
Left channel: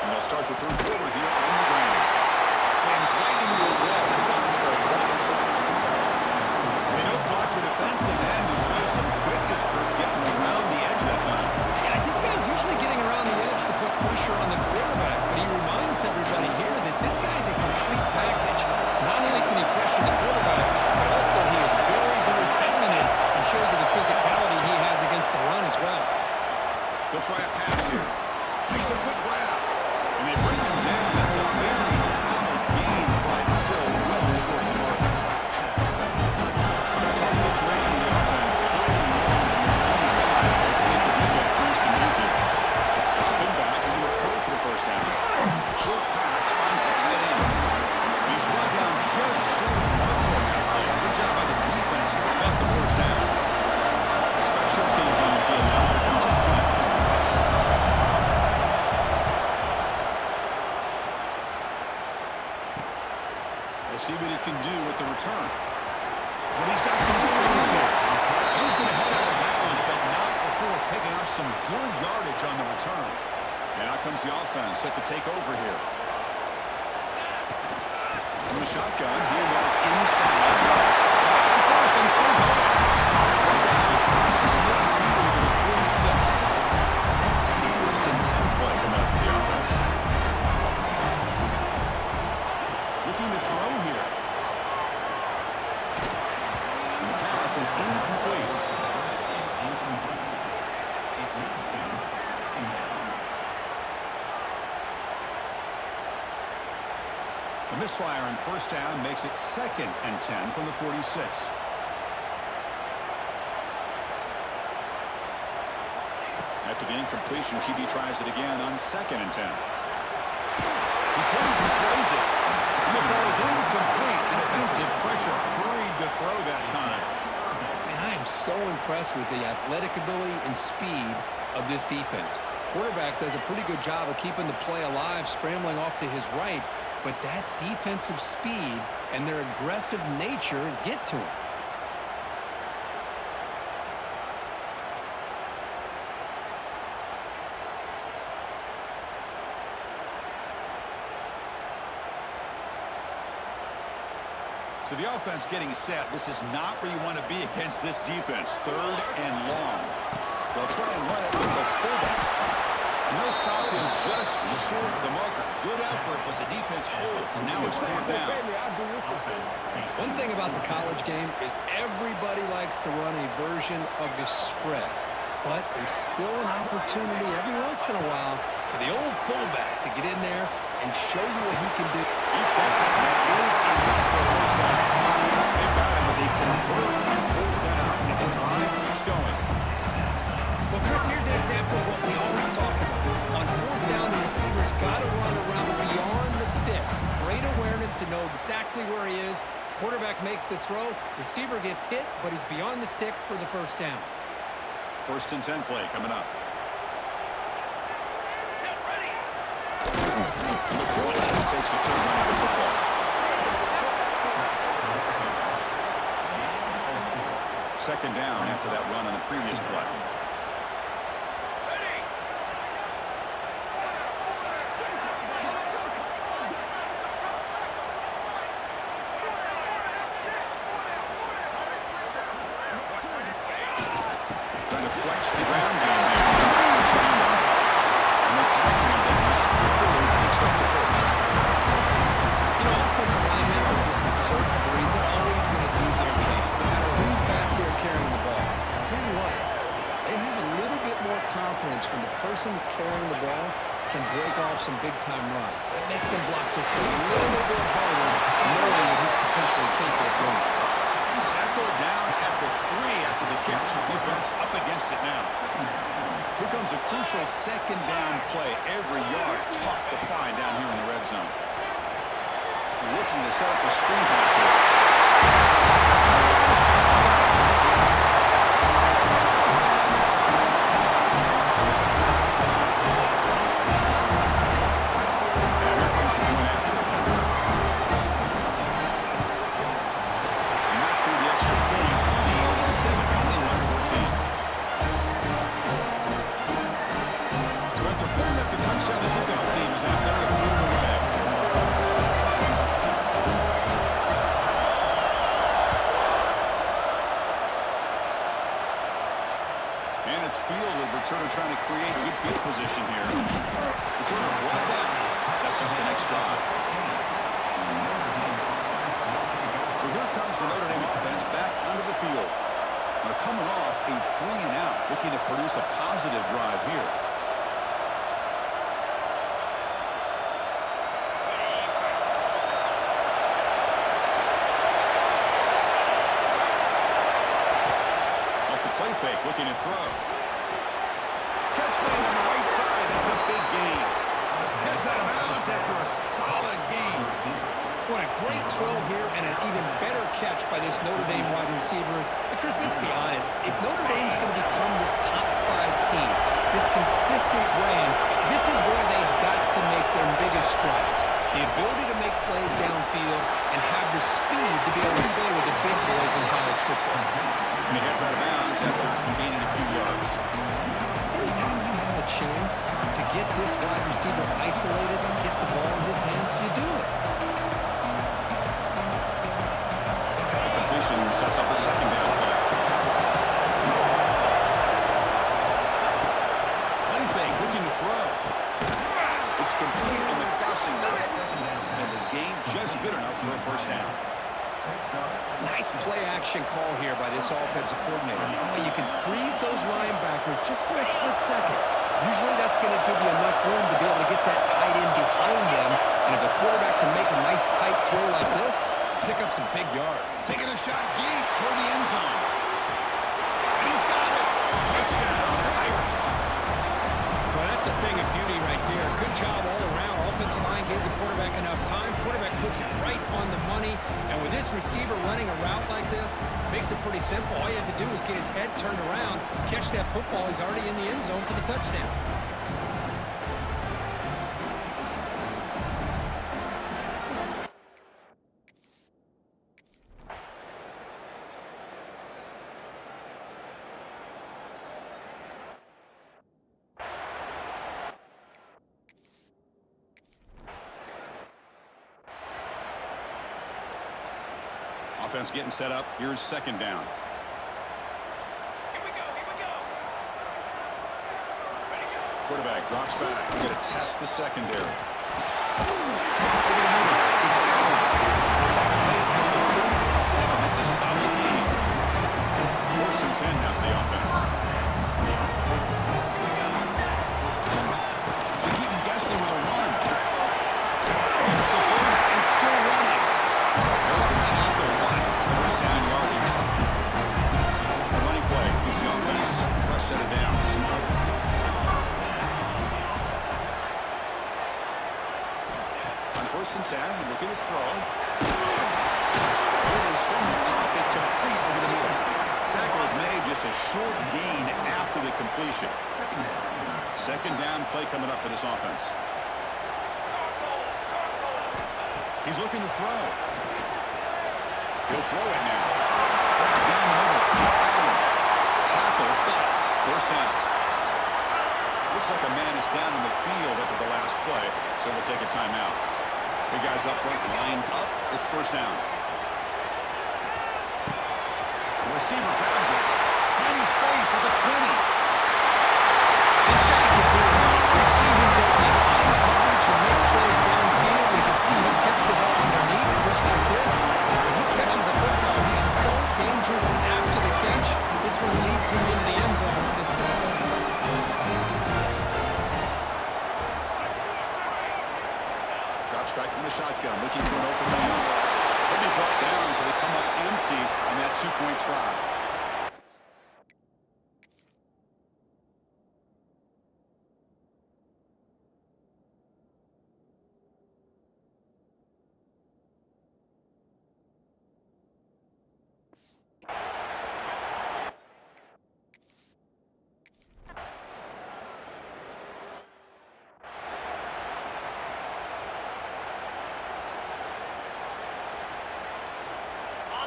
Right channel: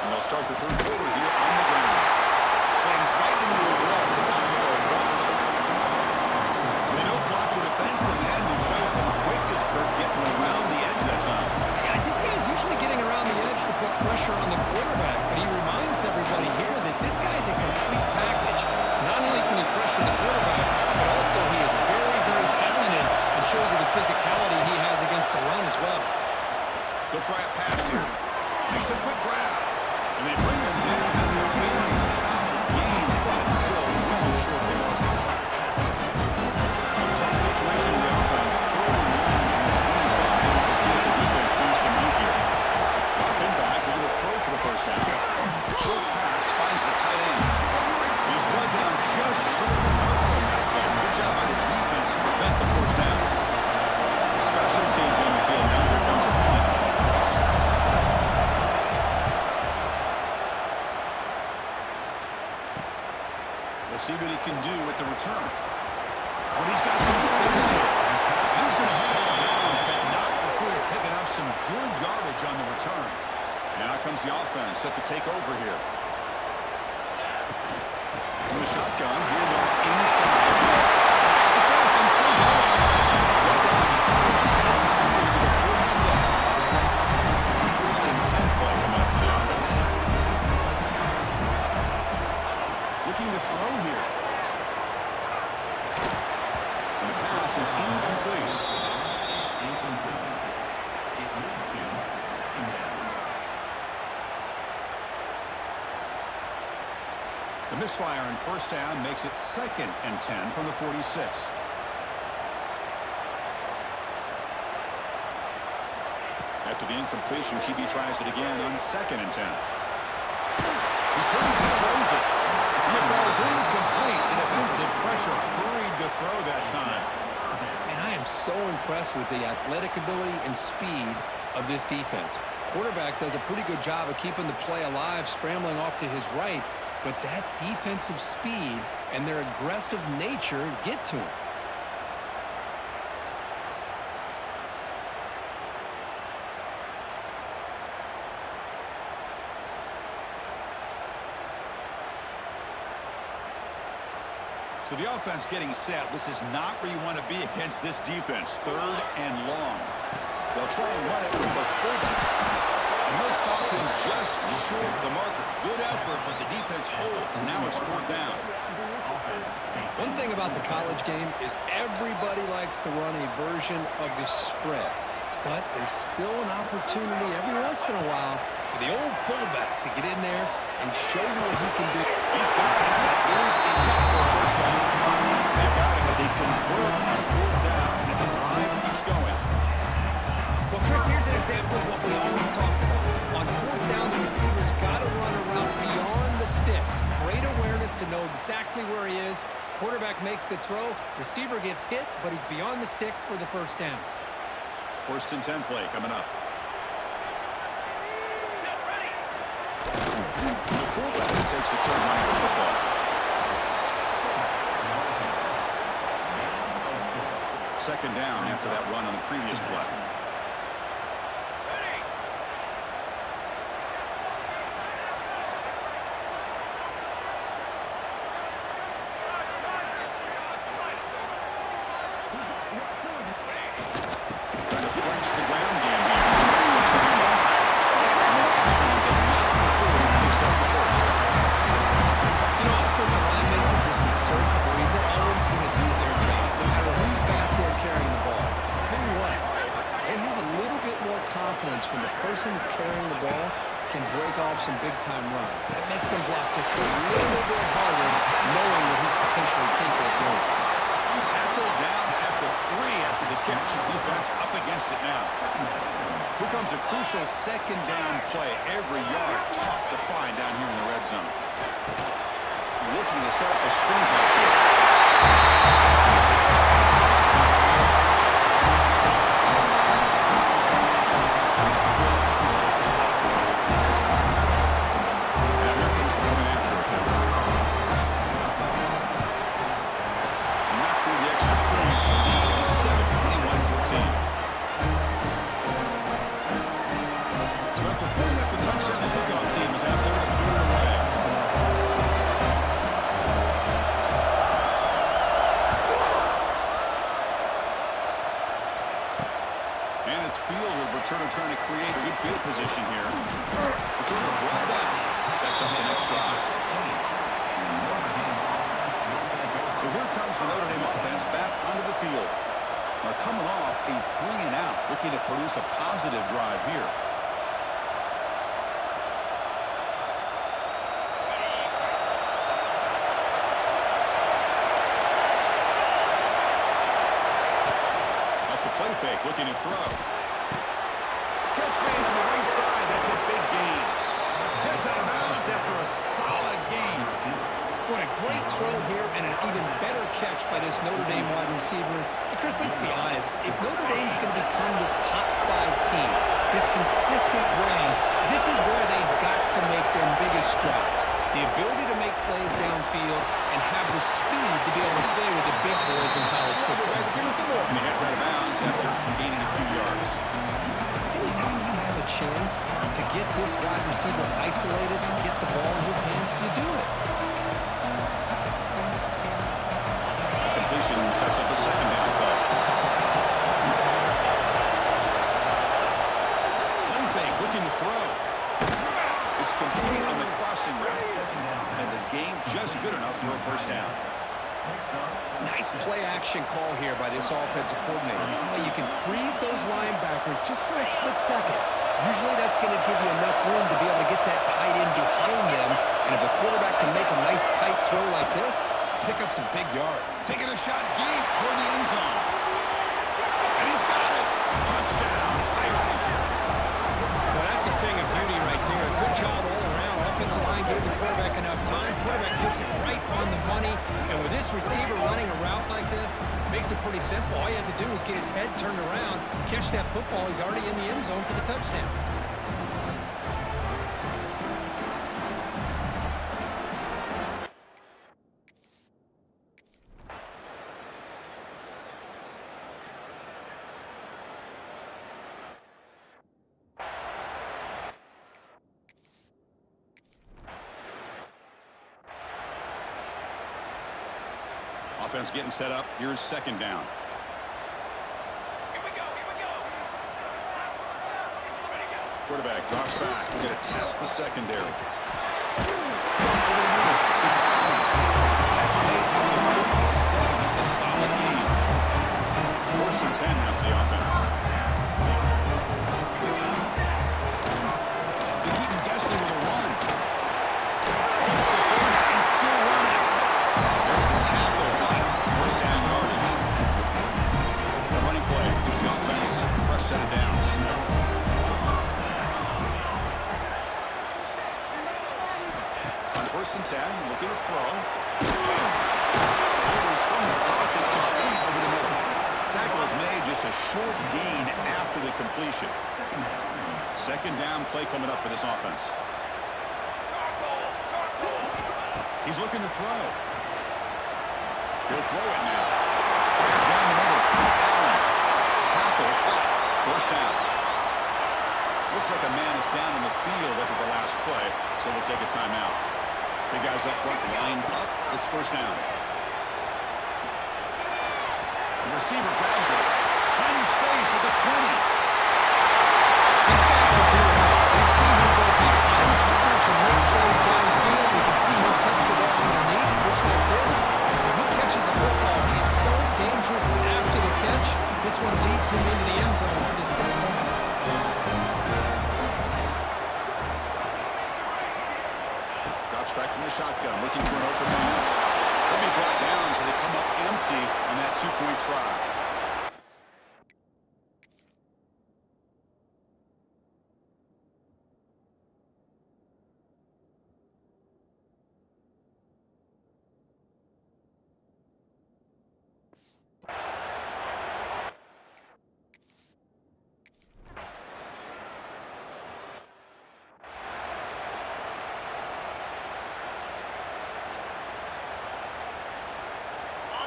And they'll start the third quarter here on the ground. Slams right into a wall. They got him for a loss. They don't block the defensive end and show some quickness, Kirk, getting around the edge that time. Yeah, this guy's usually getting around the edge to put pressure on the quarterback, but he reminds everybody here that this guy's a complete package. Not only can he pressure the quarterback, but also he is very, very talented and shows you the physicality he has against the run as well. They'll try a pass here. Makes a quick grab. And they bring him down. That's a very solid gain, but still well short the mark. Tough situation in the offense. Early and long from the 25. We'll see if the defense brings some heat here. Dropping back. They're going to throw for the first down. Short pass finds the tight end. He's brought down just short of the mark on that play. Good job by the defense to prevent the first down. Special teams on the field now. Here comes a punt. We'll see what he can do with the return. But he's got some space here. And he's going to head out of bounds, but not before picking up some good yardage on the return. And out comes the offense set to take over here. From the shotgun, handoff inside. He's got the first and still going. Right down, he crosses midfield to the 46. The first and 10 play coming up for the offense. Looking to throw here. And the pass is incomplete. The misfire on first down makes it 2nd and 10 from the 46. After the incompletion, QB tries it again on 2nd and 10. He's hit and throws it. And it falls incomplete. The defensive pressure hurried to throw that time. And I am so impressed with the athletic ability and speed of this defense. Quarterback does a pretty good job of keeping the play alive, scrambling off to his right, but that defensive speed and their aggressive nature get to him. So the offense getting set. This is not where you want to be against this defense. 3rd and long. They'll try and run it with the fullback. And they'll stop him just short of the marker. Good effort, but the defense holds. Now it's 4th down. One thing about the college game is everybody likes to run a version of the spread. But there's still an opportunity every once in a while for the old fullback to get in there and show you what he can do. He's got it. That is enough for a 1st down. They've got it, but they convert on 4th down. And the drive keeps going. Well, Chris, here's an example of what we always talk about. On 4th down, the receiver's got to run around beyond the sticks. Great awareness to know exactly where he is. Quarterback makes the throw. Receiver gets hit, but he's beyond the sticks for the 1st down. 1st and 10 play coming up. The fullback takes a turn running the football. Second down after that run on the previous play. Trying to flex the ground game here. Takes the handoff. And they tackle him, but not before he picks up the 1st. You know, offensive linemen are just a certain breed. They're always going to do their job, no matter who's back there carrying the ball. I'll tell you what, they have a little bit more confidence when the person that's carrying the ball can break off some big-time runs. That makes them block just a little bit harder, knowing that he's potentially capable of doing it. Tackled down at the 3 after the catch. Defense up against it now. Here comes a crucial 2nd down play. Every yard tough to find down here in the red zone. Looking to set up a screen pass here. Now here comes the point after attempt. And not through the extra point. Lead is 7, 21-14. So after putting up a touchdown, the kickoff team is out there to put it away. And it's Fielder, returner trying to create good field position here. Returner brought down. Sets up the next drive. So here comes the Notre Dame offense back onto the field. They're coming off a 3-and-out, looking to produce a positive drive here. Play fake, looking to throw. Catch made on the right side. That's a big gain. Heads out of bounds after a solid gain. What a great throw here and an even better catch by this Notre Dame wide receiver. And Chris, let's be honest. If Notre Dame's going to become this top 5 team, this consistent brand, this is where they've got to make their biggest strides. The ability to make plays downfield and have the speed to be able to play with the big boys in college football. And he heads out of bounds after gaining a few yards. Anytime you have a chance to get this wide receiver isolated and get the ball in his hands, you do it. The completion sets up a 2nd down play. Play fake, looking to throw. It's complete on the crossing route. And the gain just good enough for a 1st down. Nice play action call here by this offensive coordinator. You can freeze those linebackers just for a split second. Usually that's going to give you enough room to be able to get that tight end behind them. And if a quarterback can make a nice tight throw like this, pick up some big yards. Taking a shot deep toward the end zone. And he's got it. Touchdown, Irish. Well, that's a thing of beauty right there. Good job all around. Offensive line gave the quarterback enough time. Quarterback puts it right on the money. And with this receiver running a route like this, makes it pretty simple. All you have to do is get his head turned around, catch that football. He's already in the end zone for the touchdown. Offense getting set up. Here's second down. Here we go. Ready, go. Quarterback drops back. We're going to test the secondary. Over the middle. It's out. Tackle made at the 37. It's a solid gain. 1st and 10 now for the offense. They keep him guessing with a run. It's the first and still running. There's the tackle, but 1st down yardage. The running play gives the offense a fresh set of downs. On 1st and 10, looking to throw. Orders from the pocket, complete over the middle. Tackle is made, just a short gain after the completion. Second down play coming up for this offense. He's looking to throw. He'll throw it now. Down the middle. It's Allen. Tackle, but 1st down. Looks like a man is down in the field after the last play, so we'll take a timeout. Big guys up front lined up. It's 1st down. The receiver grabs it. Finding space at the 20. This guy can do it all. We've seen him go behind coverage and make plays downfield. We can see him catch the ball underneath, just like this. When he catches a football, he is so dangerous after the catch. This one leads him into the end zone for the 6 points. Drops back from the shotgun, looking for an open man. He'll be brought down, so they come up empty on that 2-point try.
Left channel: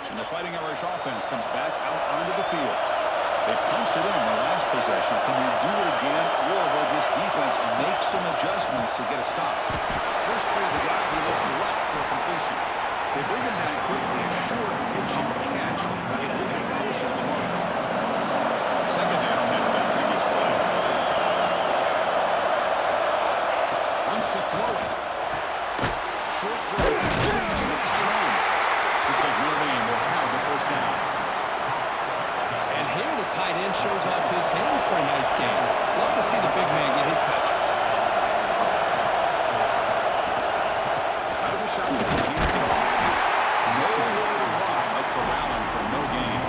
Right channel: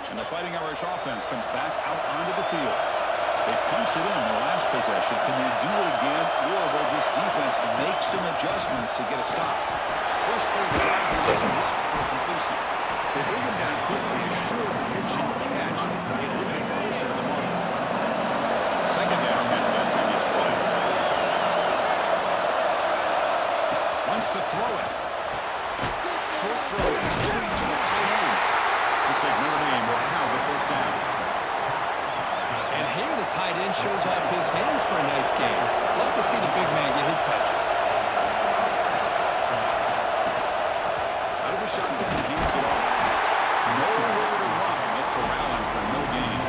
And the Fighting Irish offense comes back out onto the field. They punched it in the last possession. Can they do it again, or will this defense make some adjustments to get a stop? First play of the drive, he looks left for a completion. They bring him down quickly, a short pitch and catch to get a little bit closer to the marker. Second down after that previous play. Wants to throw it. Short throw, going to the tight end. Looks like Notre Dame will have the 1st down. And here the tight end shows off his hands for a nice game. Love to see the big man get his touches. Out of the shotgun, he hands it off. Nowhere to run. They'll corral him for no gain.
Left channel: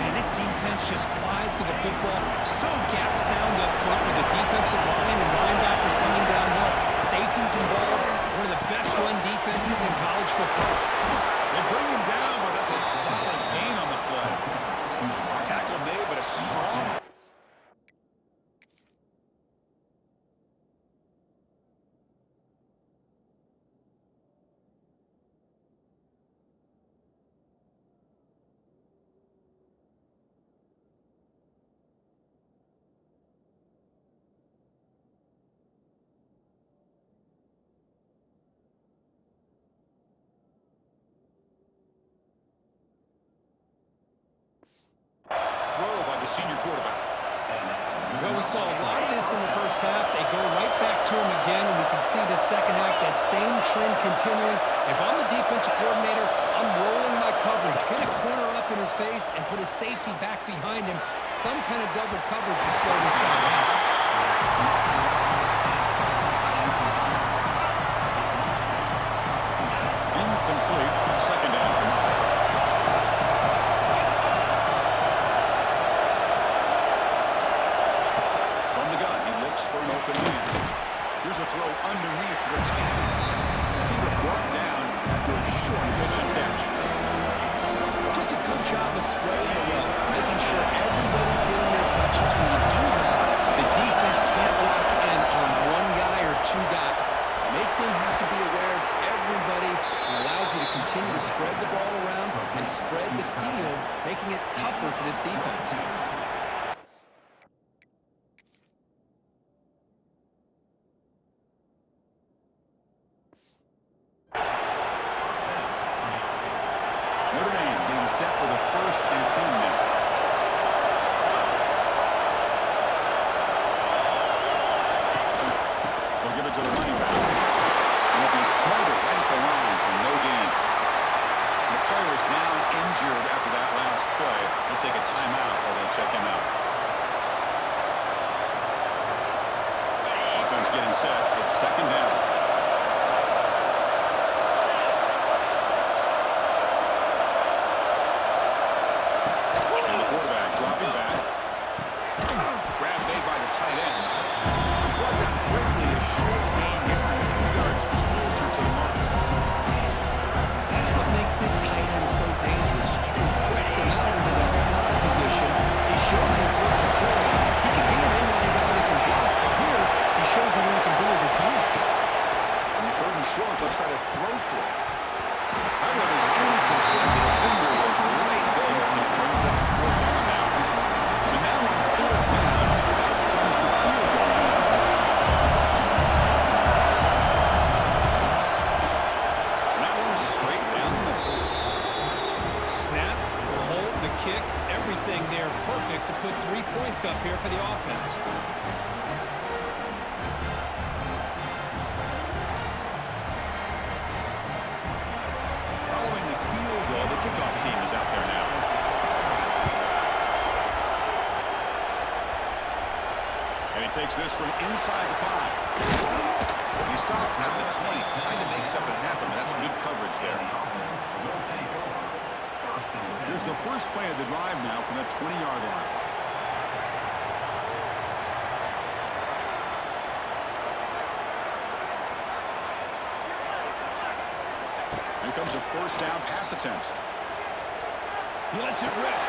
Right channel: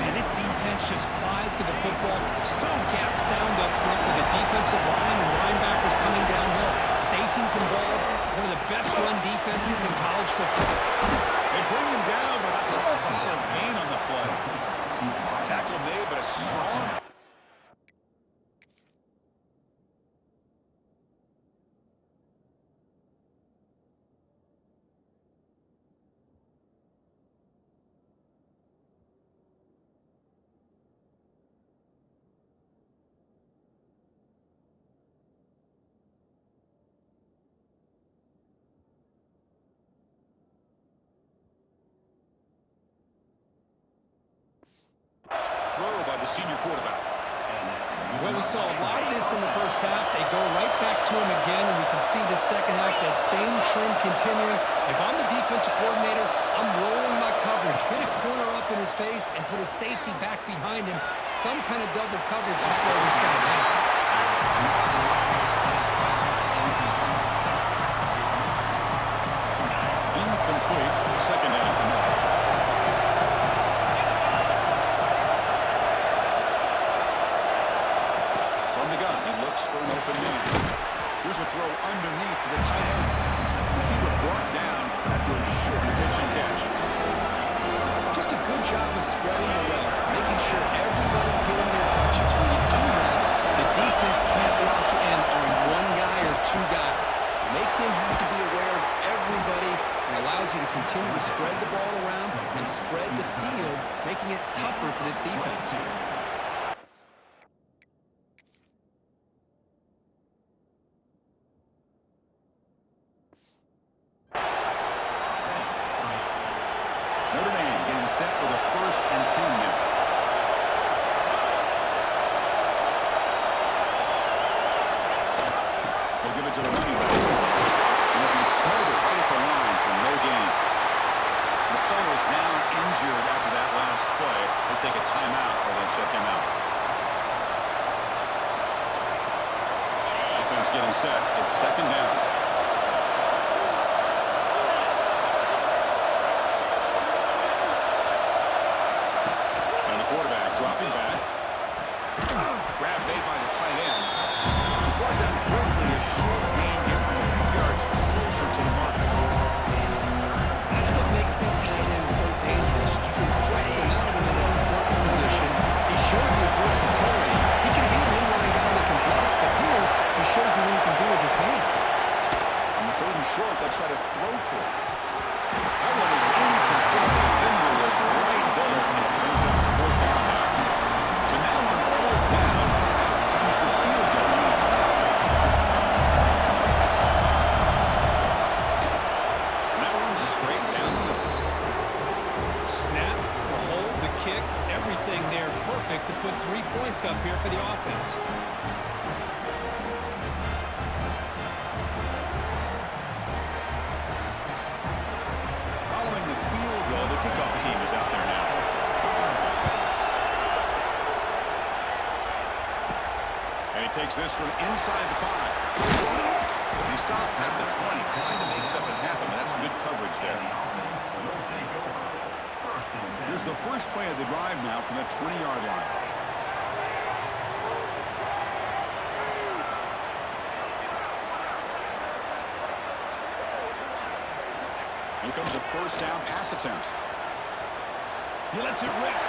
Man, this defense just flies to the football. So gap sound up front with the defensive line and linebackers coming downhill. Safeties involved. One of the best run defenses in college football. They bring him down, but that's a solid gain on the play. Tackle made, but a strong... throw by the senior quarterback. Well, we saw a lot of this in the first half. They go right back to him again, and we can see the second half, that same trend continuing. If I'm the defensive coordinator, I'm rolling my coverage. Get a corner up in his face and put a safety back behind him. Some kind of double coverage to slow this guy down. Incomplete. Second down. From the gun, looks for an open man. Here's a throw underneath to the tight end. Receiver brought down after a short pitch and catch. Just a good job of spreading the wealth, making sure everybody's getting their touches. When you do that, the defense can't lock in on one guy or two guys. Make them have to be aware of everybody. It allows you to continue to spread the ball around and spread the field, making it tougher for this defense. Notre Dame getting set with a 1st and 10 now. They'll give it to the running back. And they'll be smothered right at the line for no gain. The player is down injured after that last play. They'll take a timeout or they'll check him out. Offense getting set. It's 2nd down. And the quarterback dropping back. Grab made by the tight end. He's brought down quickly. A short gain gets them a few yards closer to the mark. That's what makes this tight end so dangerous. You can flex him out into that slot position. He shows his versatility. He can be an inline guy that can block, but here he shows you what he can do with his hands. On the 3rd and short, they'll try to throw for it. That one is incomplete. The defender was right there, and it brings up 4th down now. So now on 4th down, out comes the field goal unit. And that one's straight down the middle. Snap, the hold, the kick, everything there perfect to put 3 points up here for the offense. Following the field goal, the kickoff team is out there now. And he takes this from inside the 5. And he stopped at the 20, trying to make something happen, but that's good coverage there. Here's the first play of the drive now from the 20-yard line. Here comes a 1st down pass attempt. He lets it rip.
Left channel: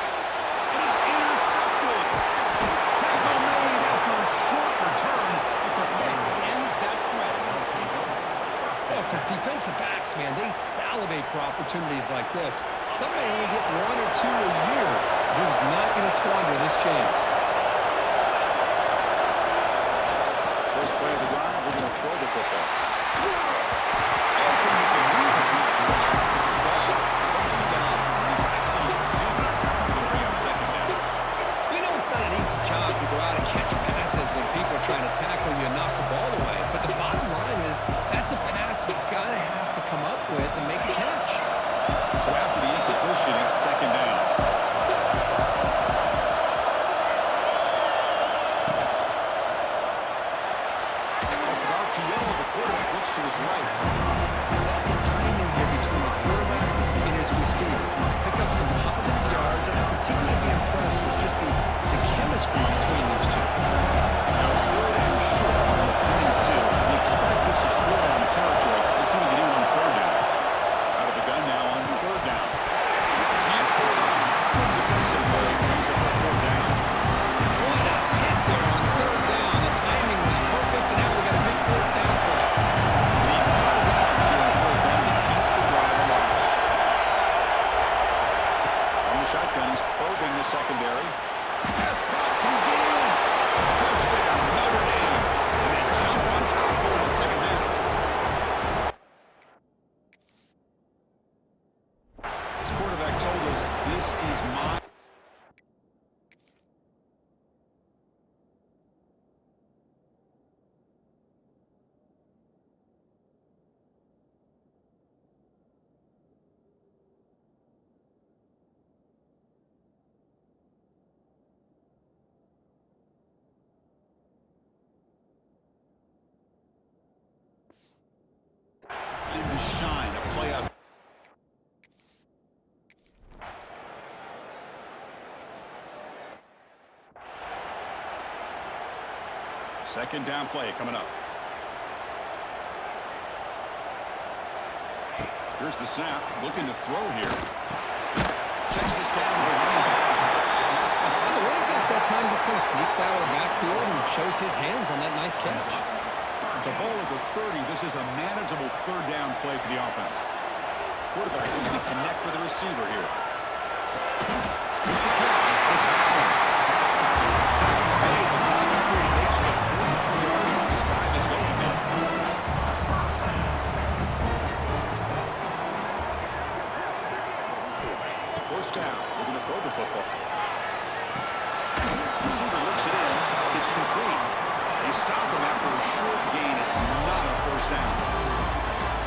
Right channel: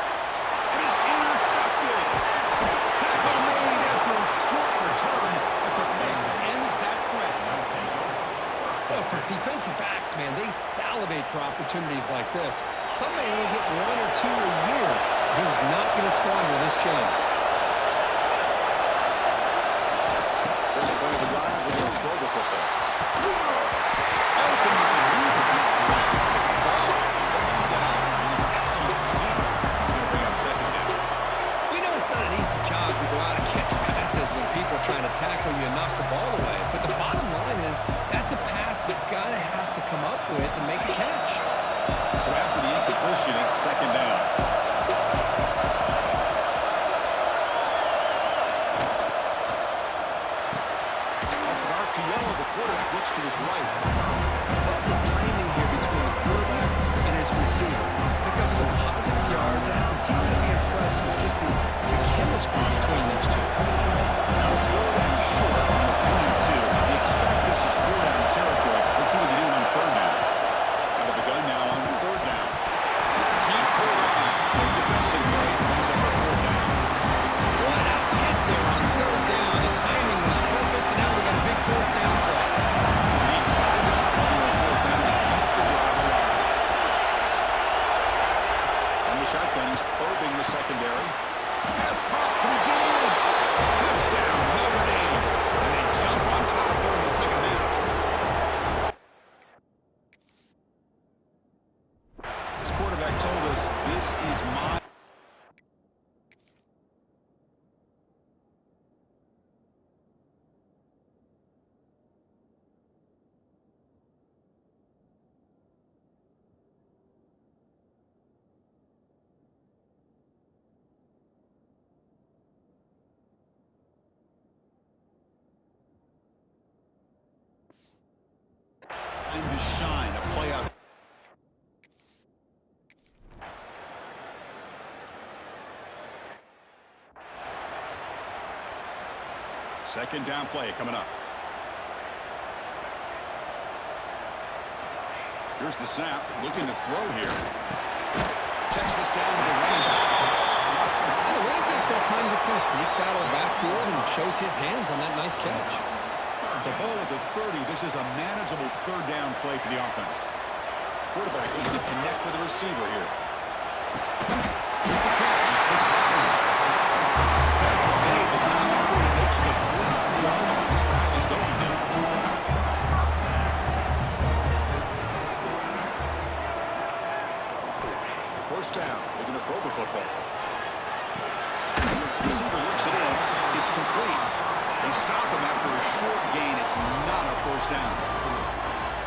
And he's intercepted. Tackle made after a short return, but the pick ends that threat. Well, for defensive backs, man, they salivate for opportunities like this. Some may only get 1 or 2 a year. He was not going to squander this chance. First play of the drive, they're going to throw the football. Oh, can you believe it? He dropped the ball. Don't see that often from this excellent receiver. He's going to bring up 2nd down. We know it's not an easy job to go out and catch passes when people are trying to tackle you and knock the ball away. But the bottom line is that's a pass you've got to have to come up with and make a catch. So after the incompletion, it's 2nd down. Off an RPO, the quarterback looks to his right. I love the timing here between the quarterback and his receiver. Pick up some positive yards, and I continue to be impressed with just the chemistry between these two. Now it's 3rd and short on the 22. You expect this is 4th down territory. Let's see what they do on 3rd down. Out of the gun now on 3rd down. Can't hold on. Good defensive play brings up a 4th down. What a hit there on 3rd down. The timing was perfect, and now we got a big 4th down play. We need 5 yards here on 4th down to keep the drive alive. On the shotgun, he's probing the secondary. Pass caught. Can he get in? Touchdown, Notre Dame. And they jump on top here in the 2nd half. His quarterback told us this is my... Time to shine, a playoff. Second down play coming up. Here's the snap. Looking to throw here. Checks this down to the running back. And the running back that time just kind of sneaks out of the backfield and shows his hands on that nice catch. So ball at the 30. This is a manageable third down play for the offense. Quarterback looking to connect with the receiver here. With the catch. It's Allen. Tackle's made, but not before he makes the 43-yard line. This drive is going now. First down, looking to throw the football. Receiver looks it in. It's complete. They stop him after a short gain. It's not a first down.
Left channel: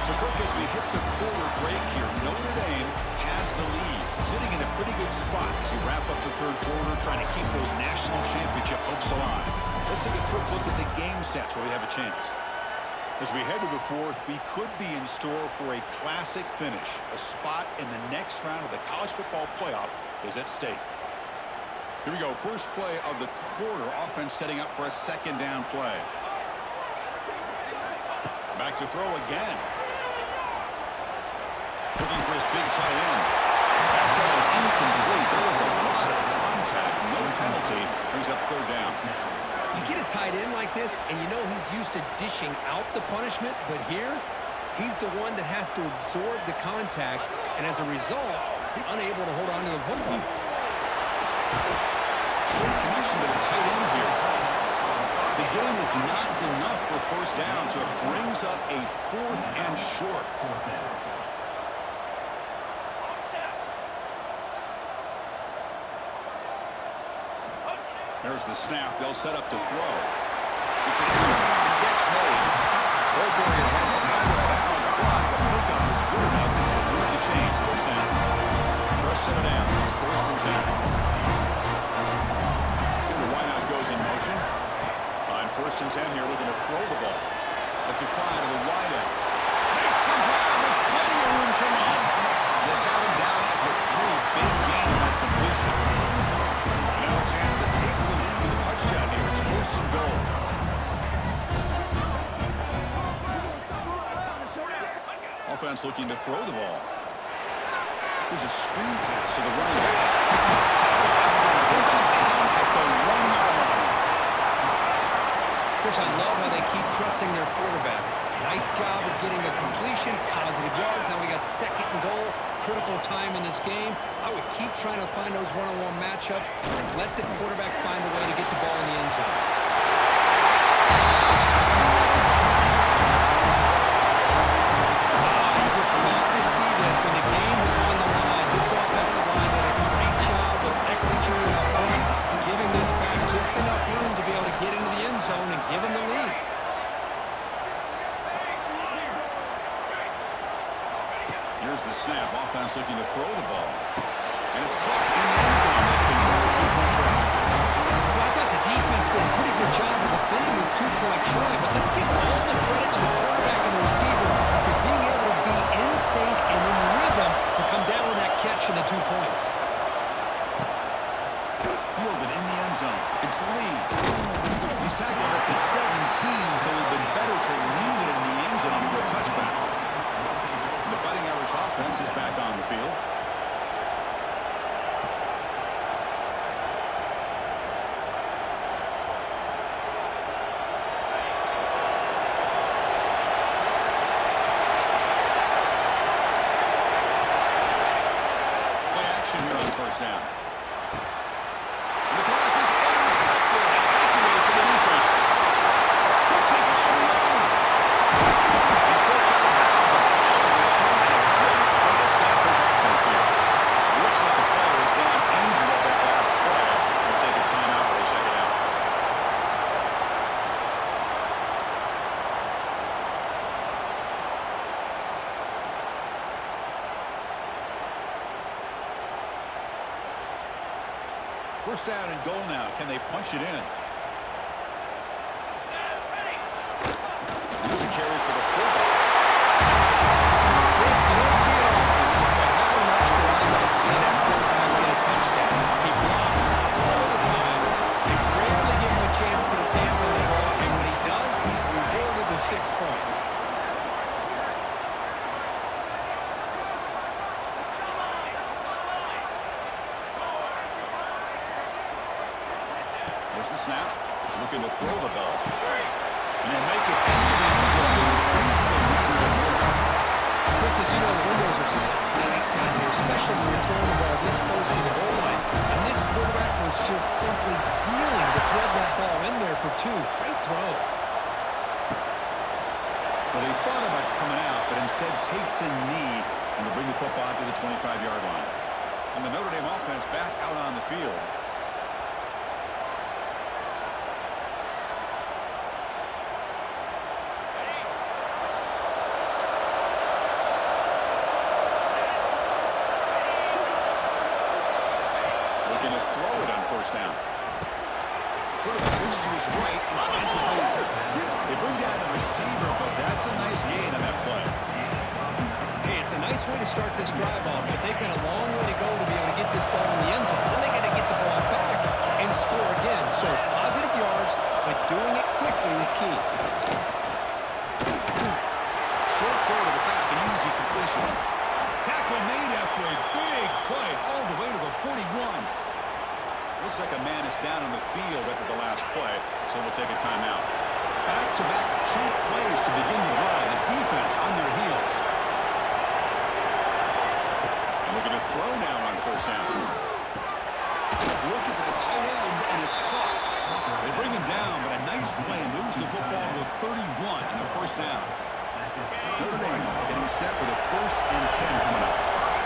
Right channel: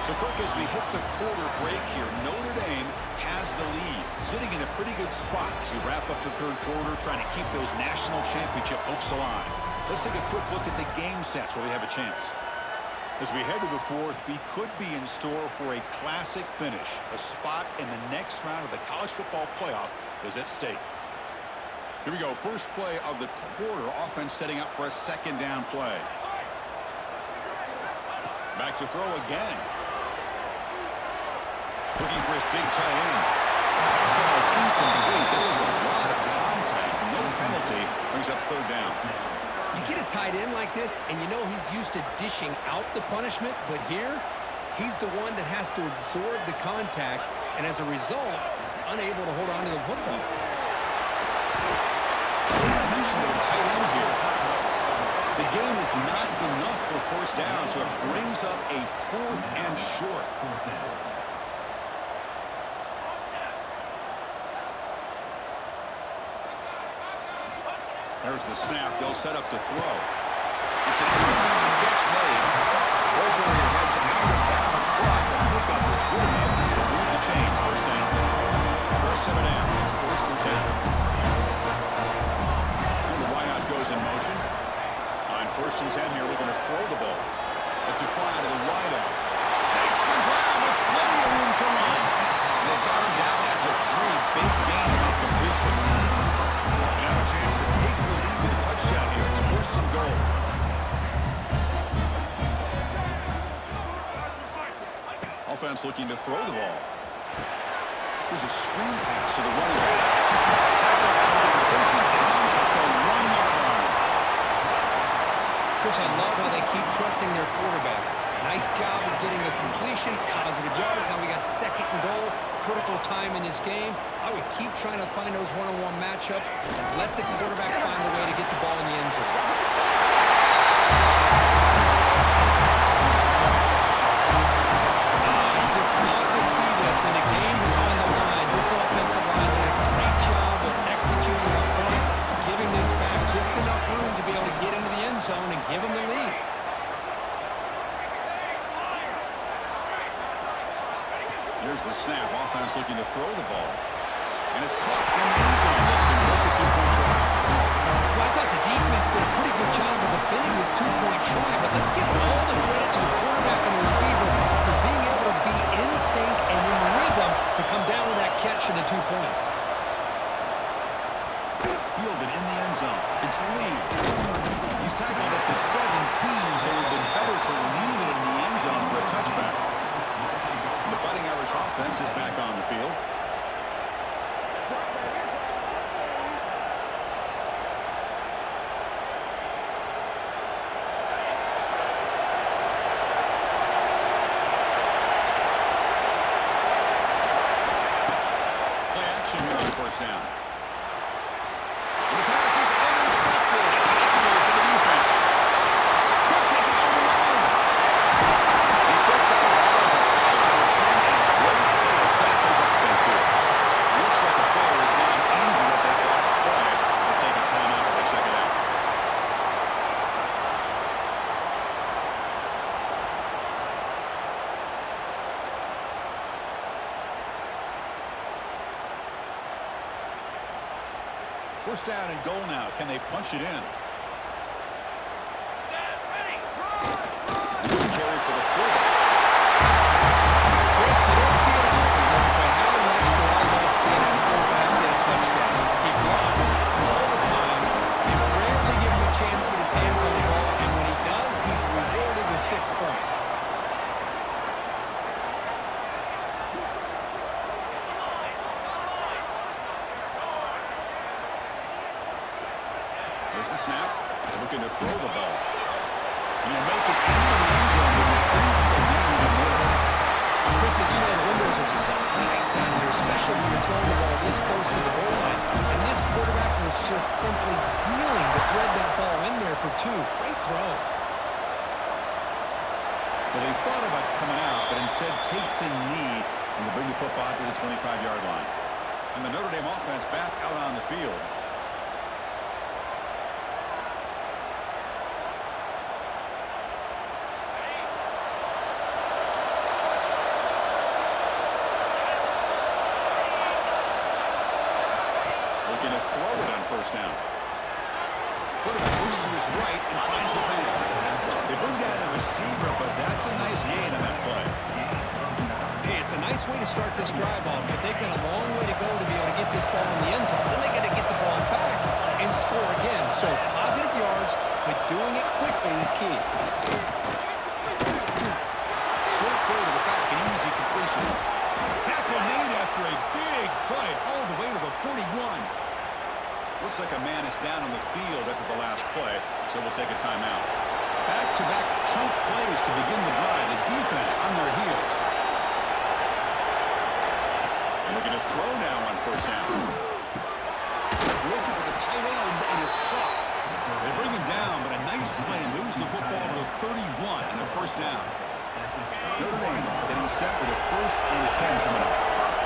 So, Kirk, as we hit the quarter break here, Notre Dame has the lead, sitting in a pretty good spot as we wrap up the third quarter, trying to keep those national championship hopes alive. Let's take a quick look at the game sets where we have a chance. As we head to the fourth, we could be in store for a classic finish. A spot in the next round of the college football playoff is at stake. Here we go. First play of the quarter. Offense setting up for a second down play. Back to throw again. Looking for his big tight end. Pass ball is incomplete. There was a lot of contact. No penalty. Brings up third down. You get a tight end like this, and you know he's used to dishing out the punishment, but here, he's the one that has to absorb the contact, and as a result, he's unable to hold on to the football. Short connection to the tight end here. The gain is not enough for first down, so it brings up a 4th and short. There's the snap. They'll set up to throw. It's an the catch made. Both area heads out of bounds, but the pickup was good enough to move the chains. First down. Fresh set it down. It's 1st and 10. And the wideout goes in motion. On 1st and 10 here, looking to throw the ball. Let's a fly to the wideout. Makes the ground with plenty of room to run. They've got him down at the 3. Big gain on that completion. Now a chance to take the lead with a touchdown here. It's 1st and goal. Offense looking to throw the ball. Here's a screen pass to the running back. Tackle after the completion down at the 1-yard line. Chris, I love how they keep trusting their quarterback. Nice job of getting a completion, positive yards. Now we got 2nd and goal, critical time in this game. I would keep trying to find those one-on-one matchups and let the quarterback find a way to get the ball in the end zone. You just love to see this when the game was on the line. This offensive line does a great job of executing up front, giving this back just enough room to be able to get into the end zone and give them the lead. Here's the snap. Offense looking to throw the ball. And it's caught in the end zone. They convert the 2-point try. Well, I thought the defense did a pretty good job of defending this 2-point try, but let's give all the credit to the quarterback and the receiver for being able to be in sync and in rhythm to come down with that catch and the 2 points. Fielded in the end zone. It's Lee. He's tackled at the 17, so it would have been better to leave it in the end zone for a touchback. The Fighting Irish offense is back on the field. Play action here on 1st down. And the pass is intercepted. A takeaway for the defense. Could take it all the way. He steps out of bounds. A solid return and a great way to set up his offense here. Looks like a player is down injured at that last play. They'll take a timeout while they check it out. First down and goal now. Can they punch it in? Here's a carry for the fullback. Chris, you don't see it often, but how much do I love seeing that fullback get a touchdown? He blocks all the time. They rarely give him a chance to get his hands on the ball, and when 6 points. There's the snap. Looking to throw the ball. And he'll make it into the end zone to increase the lead even more. Chris, as you know, the windows are so tight down here, especially when you're throwing the ball this close to the goal line. And this quarterback was just simply dealing to thread that ball in there for 2. Great throw. Well, he thought about coming out, but instead takes a knee and to bring the football out to the 25-yard line. And the Notre Dame offense back out on the field. Looking to throw it on first down. Quarterback looks to his right and finds his man. They bring down the receiver, but that's a nice gain on that play. Hey, it's a nice way to start this drive off, but they've got a long way to go to be able to get this ball in the end zone. Then they got to get the ball back and score again. So positive yards, but doing it quickly is key. Short throw to the back, an easy completion. Tackle made after a big play all the way to the 41. Looks like a man is down on the field after the last play, so we'll take a timeout. Back-to-back chunk plays to begin the drive. The defense on their heels. And looking to throw now on first down. Looking for the tight end, and it's caught. They bring him down, but a nice play moves the football to the 31 and a first down. Notre Dame getting set with a 1st and 10 coming up.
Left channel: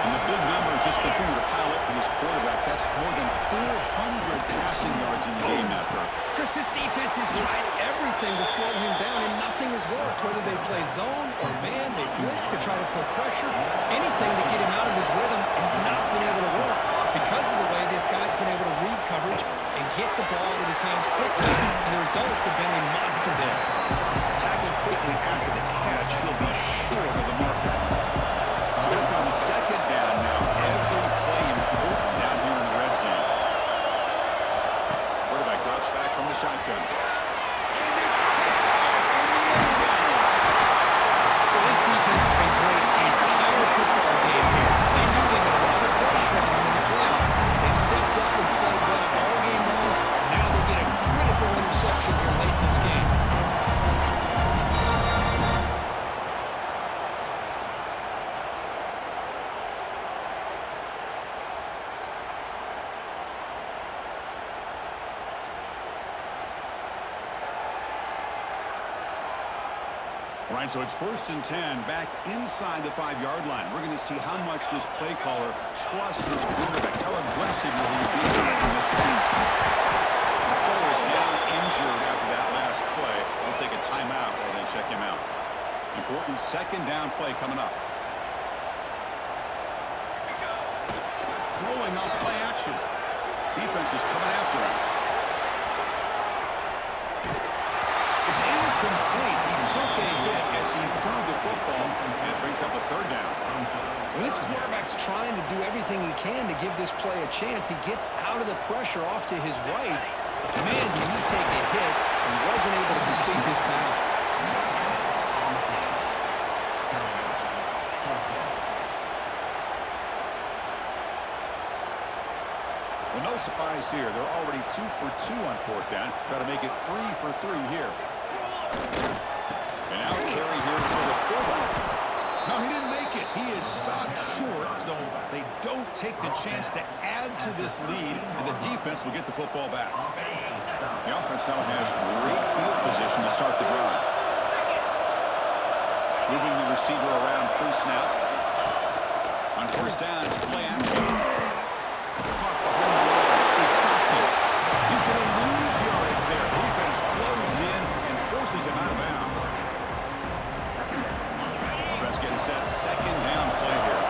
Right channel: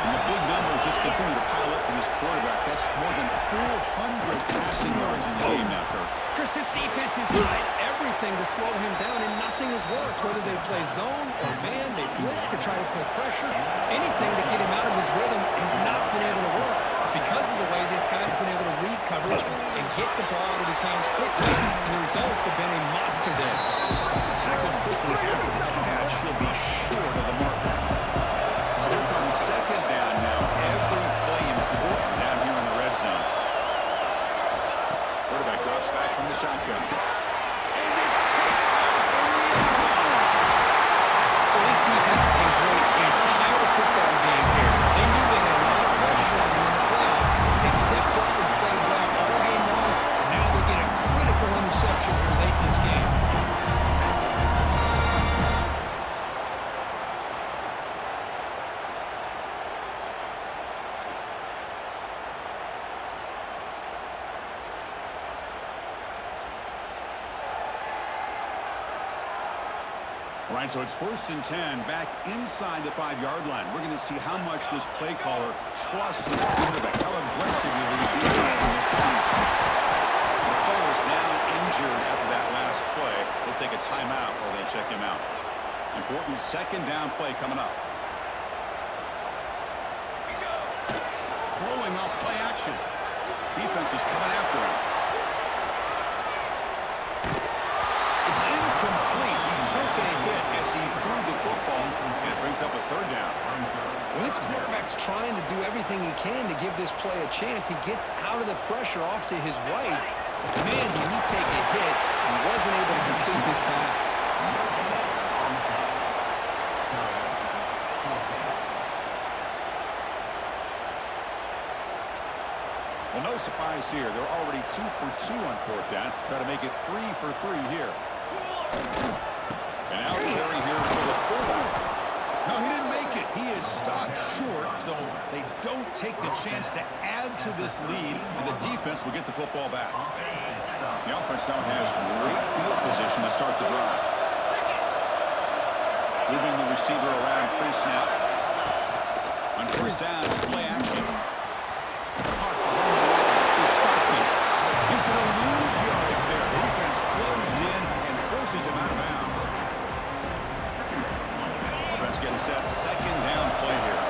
And the big numbers just continue to pile up for this quarterback. That's more than 400 passing yards in the game now, Kirk. Chris, this defense has tried everything to slow him down, and nothing has worked. Whether they play zone or man, they blitz to try to put pressure. Anything to get him out of his rhythm has not been able to work because of the way this guy's been able to read coverage and get the ball out of his hands quickly. And the results have been a monster day. Tackled quickly after the catch. He'll be short of the marker. So here comes second down now. Every play important down here in the red zone. Quarterback drops back from the shotgun. And it's picked off in the end zone. Well, this defense has been great the entire football game here. They knew they had a lot of pressure on them in the playoff. They stepped up and played well all game long, and now they get a critical interception here late in this game. All right, so it's 1st and 10 back inside the 5-yard line. We're going to see how much this play caller trusts his quarterback. How aggressive will he be on this one? The player is down injured after that last play. They'll take a timeout or they check him out. Important second down play coming up. Throwing off play action. Defense is coming after him. It's incomplete. He took a hit as he threw the football, and it brings up a 3rd down. Well, this quarterback's trying to do everything he can to give this play a chance. He gets out of the pressure off to his right. But man, did he take a hit and wasn't able to complete this pass. Well, no surprise here. They're already 2 for 2 on 4th down. Try to make it 3 for 3 here. And out carry here for the fullback. No, he didn't make it. He is stopped short, so they don't take the chance to add to this lead, and the defense will get the football back. The offense now has great field position to start the drive. Moving the receiver around pre-snap. On 1st down, it's play action. Caught behind the line. It's Stockton. He's going to lose yardage there. The defense closed in and forces him out of bounds. Offense getting set. Second down play here.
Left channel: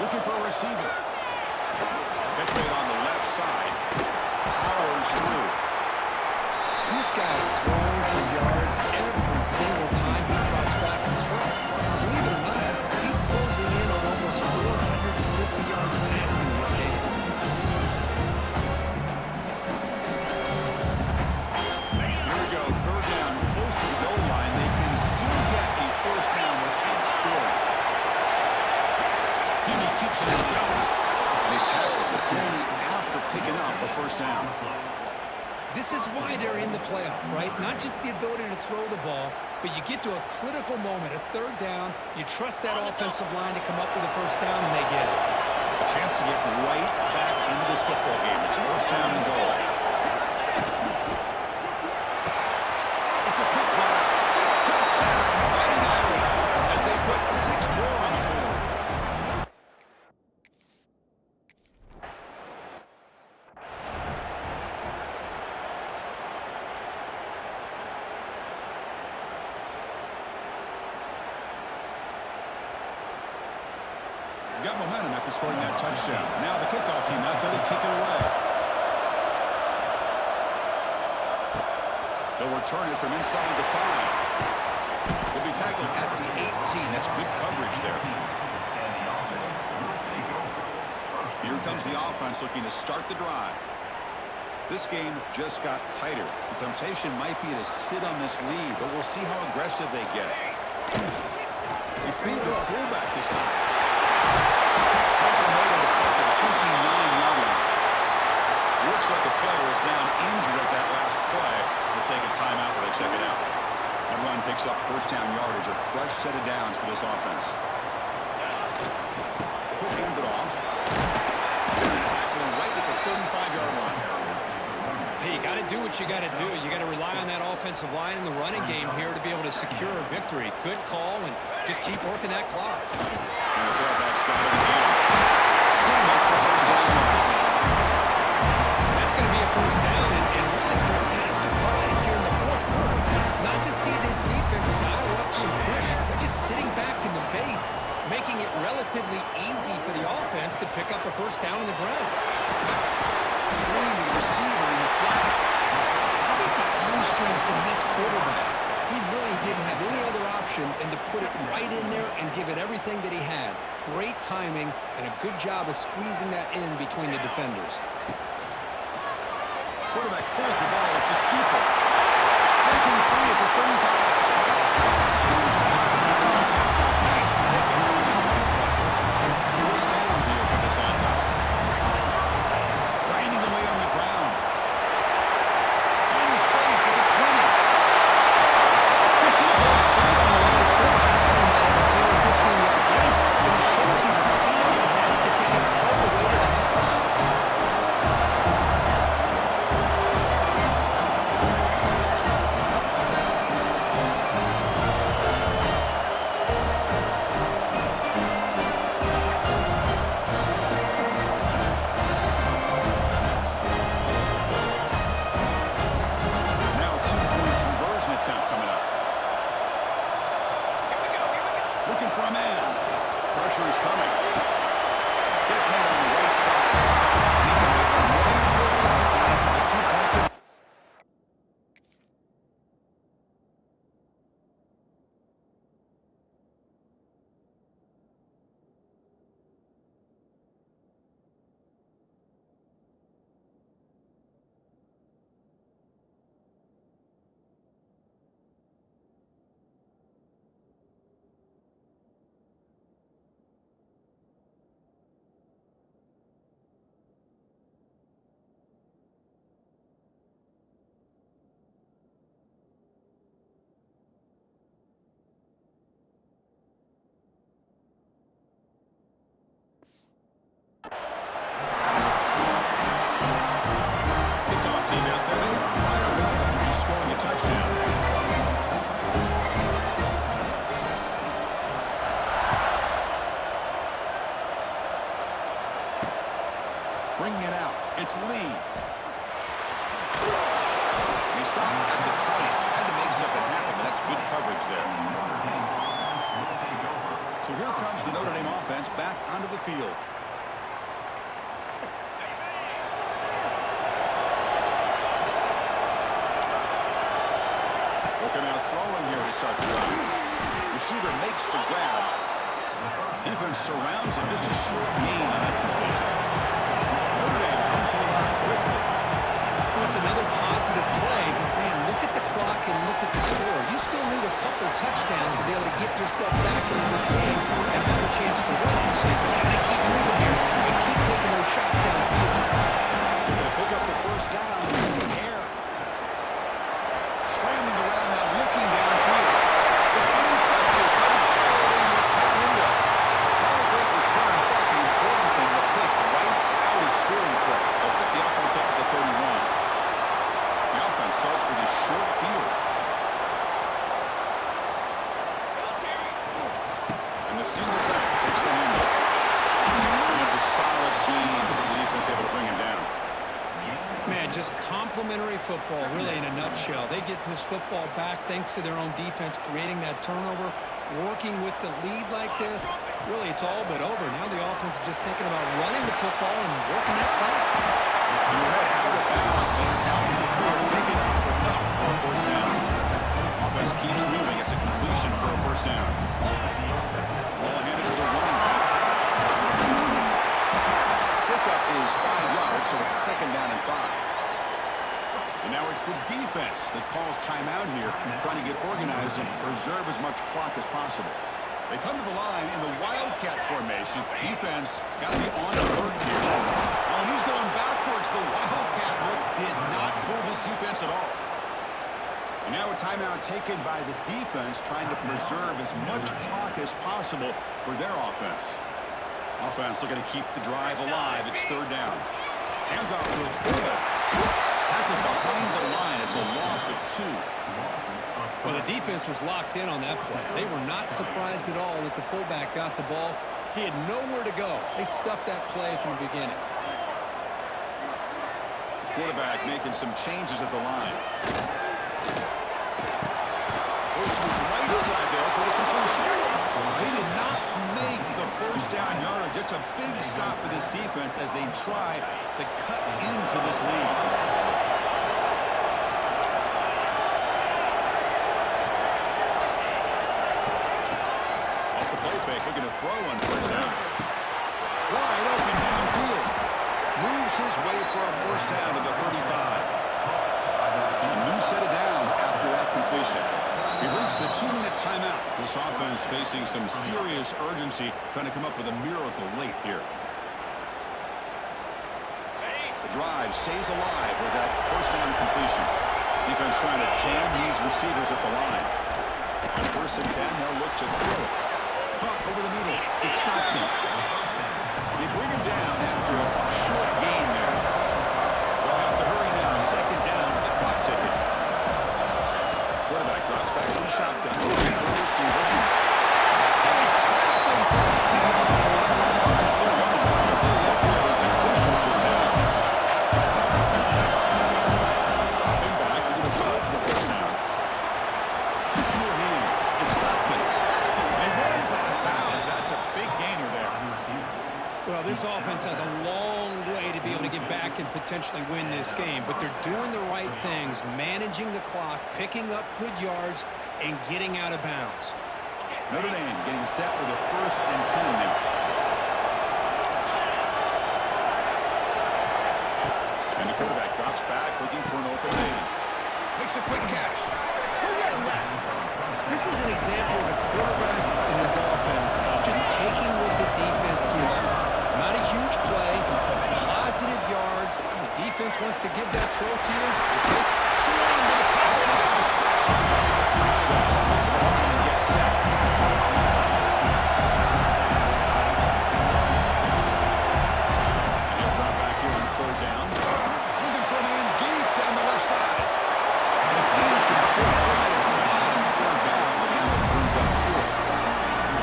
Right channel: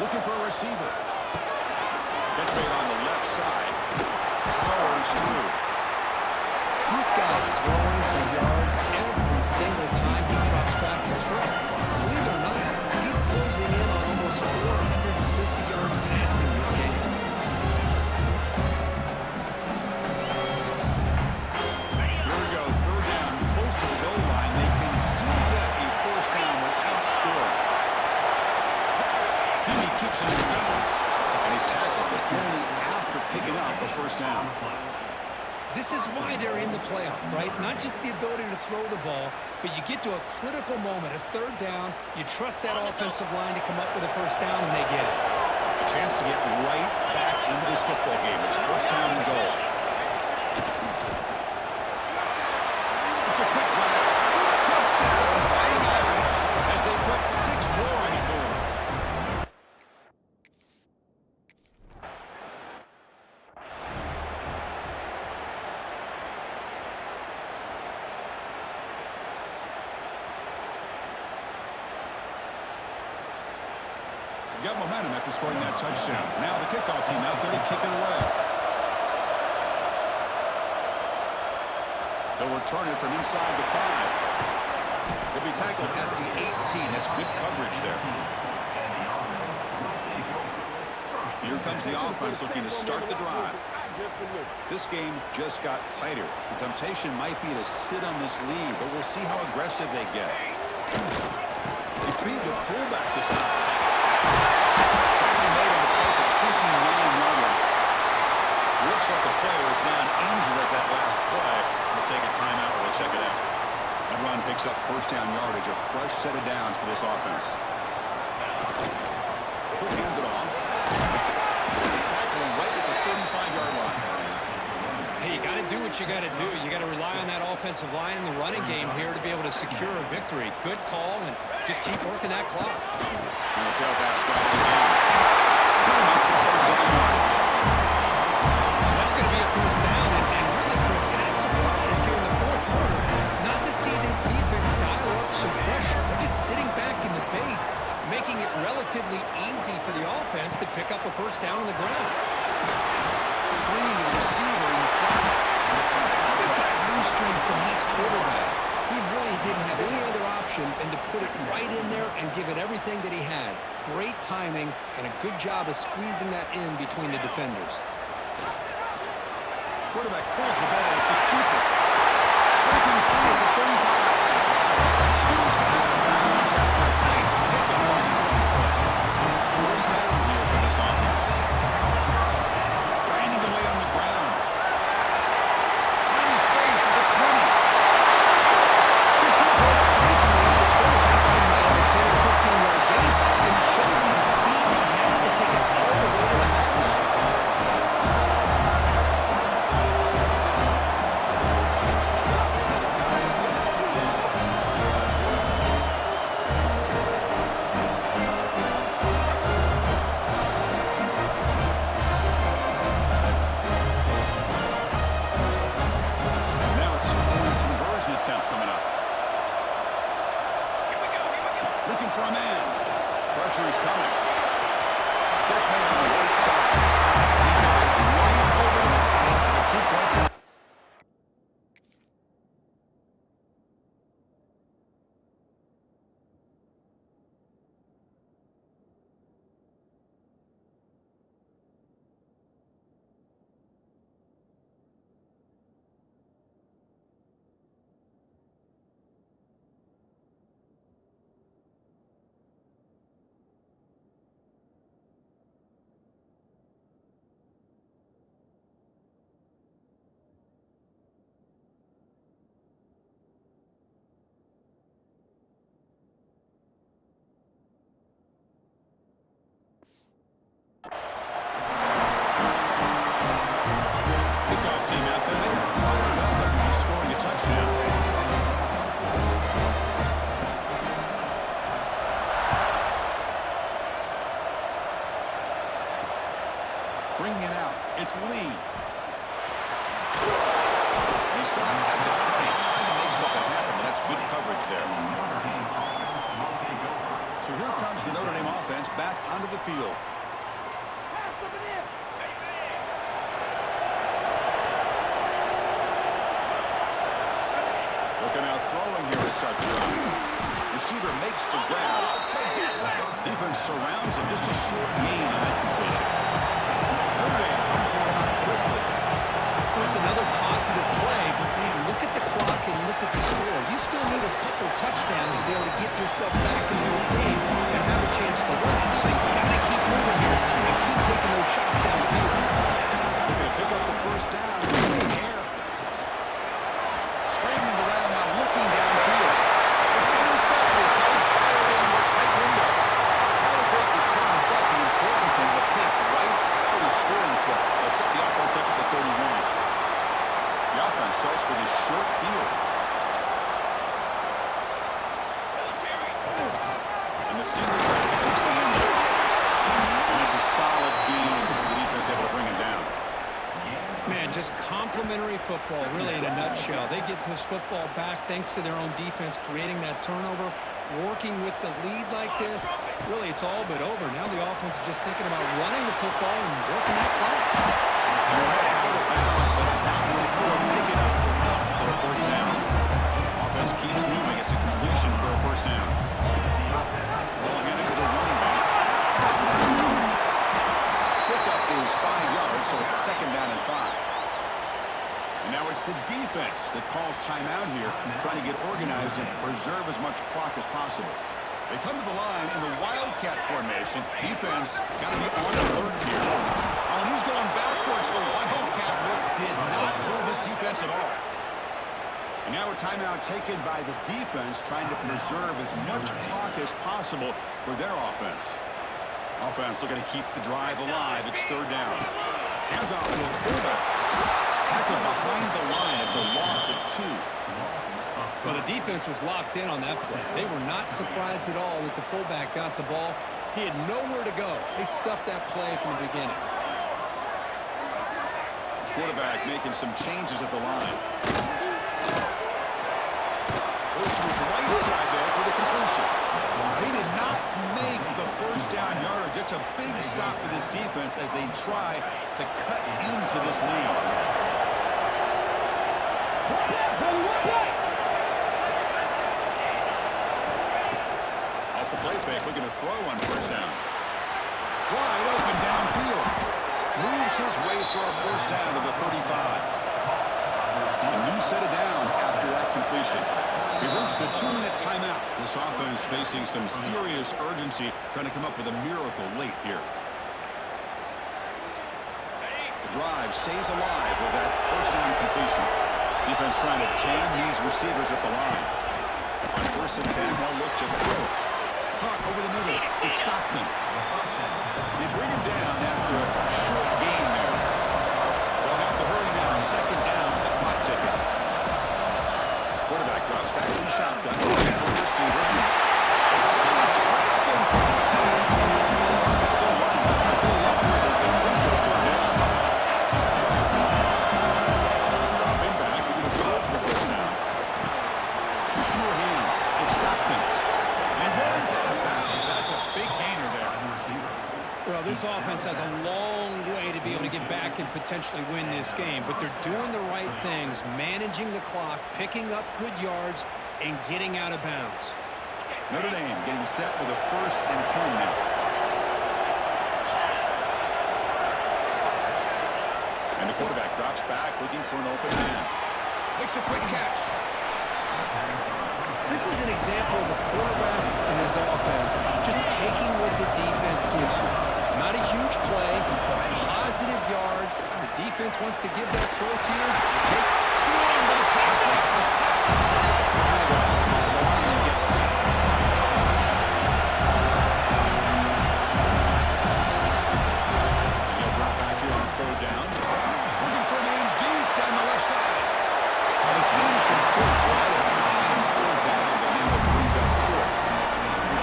Looking for a receiver. Catch made on the left side. Powers through. This guy's throwing for yards every single time he drops back to throw. Believe it or not, he's closing in on almost 450 yards passing in this game. first down without scoring. He keeps it himself. And he's tackled, but only after picking up a first down. This is why they're in the playoff, right? Not just the ability to throw the ball, but you get to a critical moment, a third down. You trust that offensive line to come up with a first down, and they get it. A chance to get right back into this football game. It's first down and goal. It's a quick run. Touchdown, Fighting Irish, as they put 6 more on the board. Got momentum after scoring that touchdown. Now the kickoff team out there to kick it away. They'll return it from inside the 5. He'll be tackled at the 18. That's good coverage there. Here comes the offense looking to start the drive. This game just got tighter. The temptation might be to sit on this lead, but we'll see how aggressive they get. They feed the fullback this time. Tackle made on the play at the 29-yard line. Looks like a player is down injured at that last play. We'll take a timeout while they check it out. That run picks up first down yardage, a fresh set of downs for this offense. He'll hand it off. They tackle him right at the 35-yard line. Hey, you got to do what you got to do. You got to rely on that offensive line in the running game here to be able to secure a victory. Good call, and just keep working that clock. And the tailback's got it again. Put him up for first down yardage. And that's going to be a first down, and really, Chris, kind of surprised here in the fourth quarter not to see this defense dial up some pressure. They're just sitting back in the base, making it relatively easy for the offense to pick up a first down on the ground. Screen to the receiver in the flat. How about the arm strength from this quarterback? He really didn't have any other option than to put it right in there and give it everything that he had. Great timing and a good job of squeezing that in between the defenders. Quarterback pulls the ball. It's a keeper. Breaking free at the 35. Scoots out of bounds after a nice pickup on that one play. First down here for this offense. Grinding away on the ground. Finding space at the 20. Chris, he broke free from the line of scrimmage. I thought he might have a 10 or 15-yard gain, but he shows you the speed that he has to take it all the way to the house. Now a 2-point conversion attempt coming up. Looking for a man. Pressure is coming. Catch made on the right side. He dives right over the top for the 2-point conversion. Kickoff team out there, they are fired up after just scoring a touchdown. Bringing it out, it's Lee. He stopped at the 20, trying to make something happen, but that's good coverage there. So here comes the Notre Dame offense back onto the field. They'll come out throwing here to start the drive. Receiver makes the grab. Defense surrounds him. Just a short gain on that completion. Notre Dame comes to the line quickly. Well, it's another positive play, but man, look at the clock and look at the score. You still need a couple touchdowns to be able to get yourself back into this game and have a chance to win it. So you've got to keep moving here and keep taking those shots downfield. They're going to pick up the first down in the air. Scrambling around now, looking downfield. It's intercepted, trying to fire it into a tight window. Not a great return, but the important thing, the pick wipes out a scoring threat. They'll set the offense up at the 31. The offense starts with a short field. And the senior back takes the handoff. And that's a solid gain for the defense, able to bring him down. Man, just complimentary football, really, in a nutshell. They get this football back thanks to their own defense, creating that turnover, working with the lead like this. Really, it's all but over. Now the offense is just thinking about running the football and working that clock. Your head out of bounds, but not before picking up enough for a first down. Offense keeps moving. It's a completion for a first down. Ball handed to the running back. Pickup is 5 yards, so it's second down and 5. And now it's the defense that calls timeout here, trying to get organized and preserve as much clock as possible. They come to the line in the Wildcat formation. Defense got to be on alert here. Oh, and he's going backwards. The Wildcat look did not fool this defense at all. And now a timeout taken by the defense, trying to preserve as much clock as possible for their offense. Offense looking to keep the drive alive. It's third down. Hands off to the fullback. Tackled behind the line. It's a loss of 2. Well, the defense was locked in on that play. They were not surprised at all that the fullback got the ball. He had nowhere to go. They stuffed that play from the beginning. Quarterback making some changes at the line. Goes to his right side there for the completion. They did not make the first down yardage. It's a big stop for this defense as they try to cut into this lead. Off the play fake, looking to throw on first down. Wide open downfield. Moves his way for a first down to the 35. A new set of downs after that completion. We've reached the 2-minute timeout. This offense facing some serious urgency, trying to come up with a miracle late here. The drive stays alive with that first down completion. Defense trying to jam these receivers at the line. On 1st and 10, they'll look to throw it. Caught over the middle. It's Stockton. They bring him down after a short gain there. They'll have to hurry now. Second down with the clock ticking. Quarterback drops back to the shotgun. Looking for a receiver. They trap him for a sack. The clock is still running. They're really up here, but it's a crucial third down. Drop him back. They're going to throw for the first down. Sure hands. It's Stockton. And he runs out of bounds. That's a big gainer there. Well, this offense has a long way to be able to get back and potentially win this game, but they're doing the right things, managing the clock, picking up good yards, and getting out of bounds. Notre Dame getting set with a 1st and 10 now. And the quarterback drops back, looking for an open man. Makes a quick catch. This is an example of a quarterback in his offense just taking what the defense gives you. Not a huge play, but positive yards. The defense wants to give that throw to you. You take swing to the pass rush to set. Now they got to hustle to the line and get set. And he'll drop back here on 3rd down. Looking for a man deep down the left side. And it's incomplete. They let it fly on 3rd down, but now it brings up 4th.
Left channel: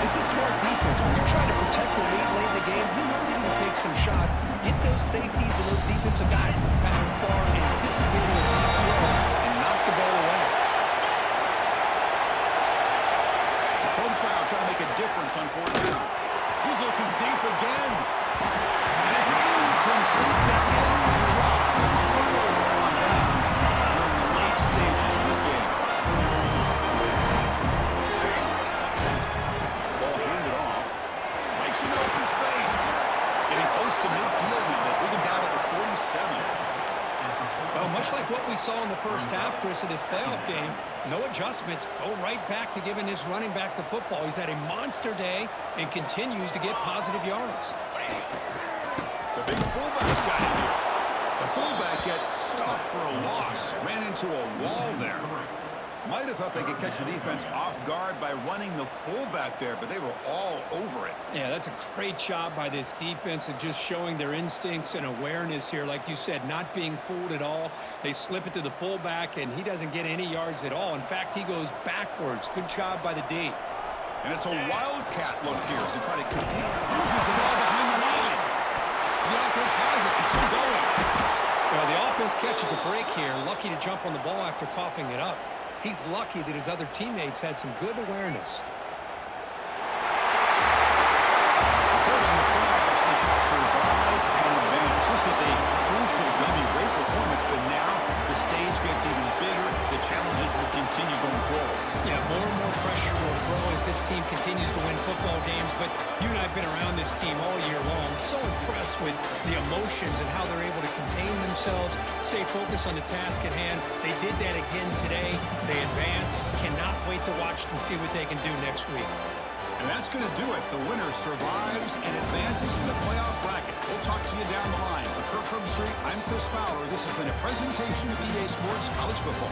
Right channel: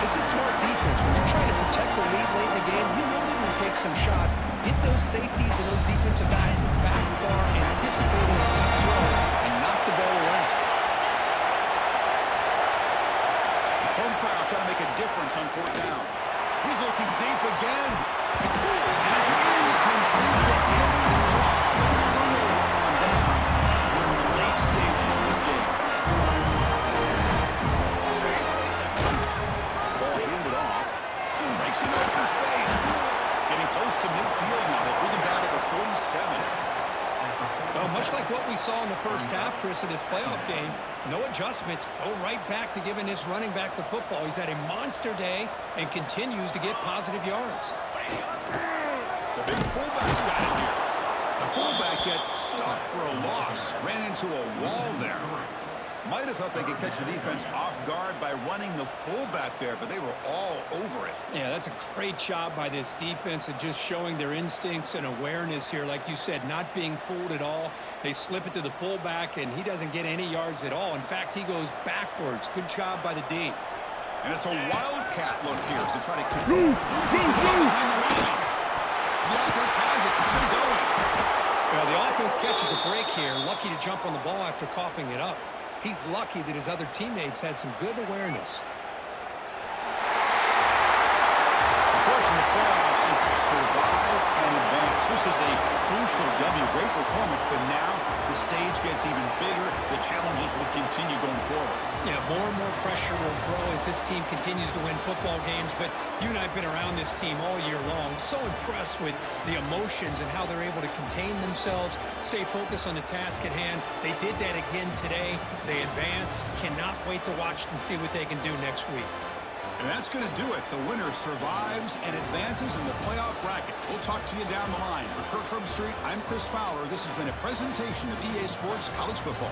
This is smart defense. When you're trying to protect the lead late in the game, you know they're going to take some shots, get those safeties and those defensive backs back far, anticipating a deep throw, and knock the ball away. Home crowd trying to make a difference on 4th down. He's looking deep again. And it's incomplete to end the drive. A turnover on downs during the late stages of this game. Ball handed off. Breaks an open space. Getting close to midfield now. They bring him down to the 47. Well, much like we saw in the first half, Chris, of this playoff game. No adjustments. Go right back to giving his running back the football. He's had a monster day and continues to get positive yards. The big fullback's got it here. The fullback gets stopped for a loss. Ran into a wall there. Might have thought they could catch the defense off guard by running the fullback there, but they were all over it. Yeah, that's a great job by this defense of just showing their instincts and awareness here. Like you said, not being fooled at all. They slip it to the fullback, and he doesn't get any yards at all. In fact, he goes backwards. Good job by the D. And it's a wildcat look here as they try to uses the ball behind the line. The offense has it. It's still going. Well, the offense catches a break here. Lucky to jump on the ball after coughing it up. He's lucky that his other teammates had some good awareness. Of course, in the playoffs, it's survive and advance. This is a crucial W. Great performance, but now the stage gets even bigger. The challenges will continue going forward. Yeah, more and more pressure will grow as this team continues to win football games. But you and I have been around this team all year long. So impressed with the emotions and how they're able to contain themselves, stay focused on the task at hand. They did that again today. They advance. Cannot wait to watch and see what they can do next week. And that's going to do it. The winner survives and advances in the playoff bracket. We'll talk to you down the line. For Kirk Herbstreit, I'm Chris Fowler. This has been a presentation of EA Sports College Football.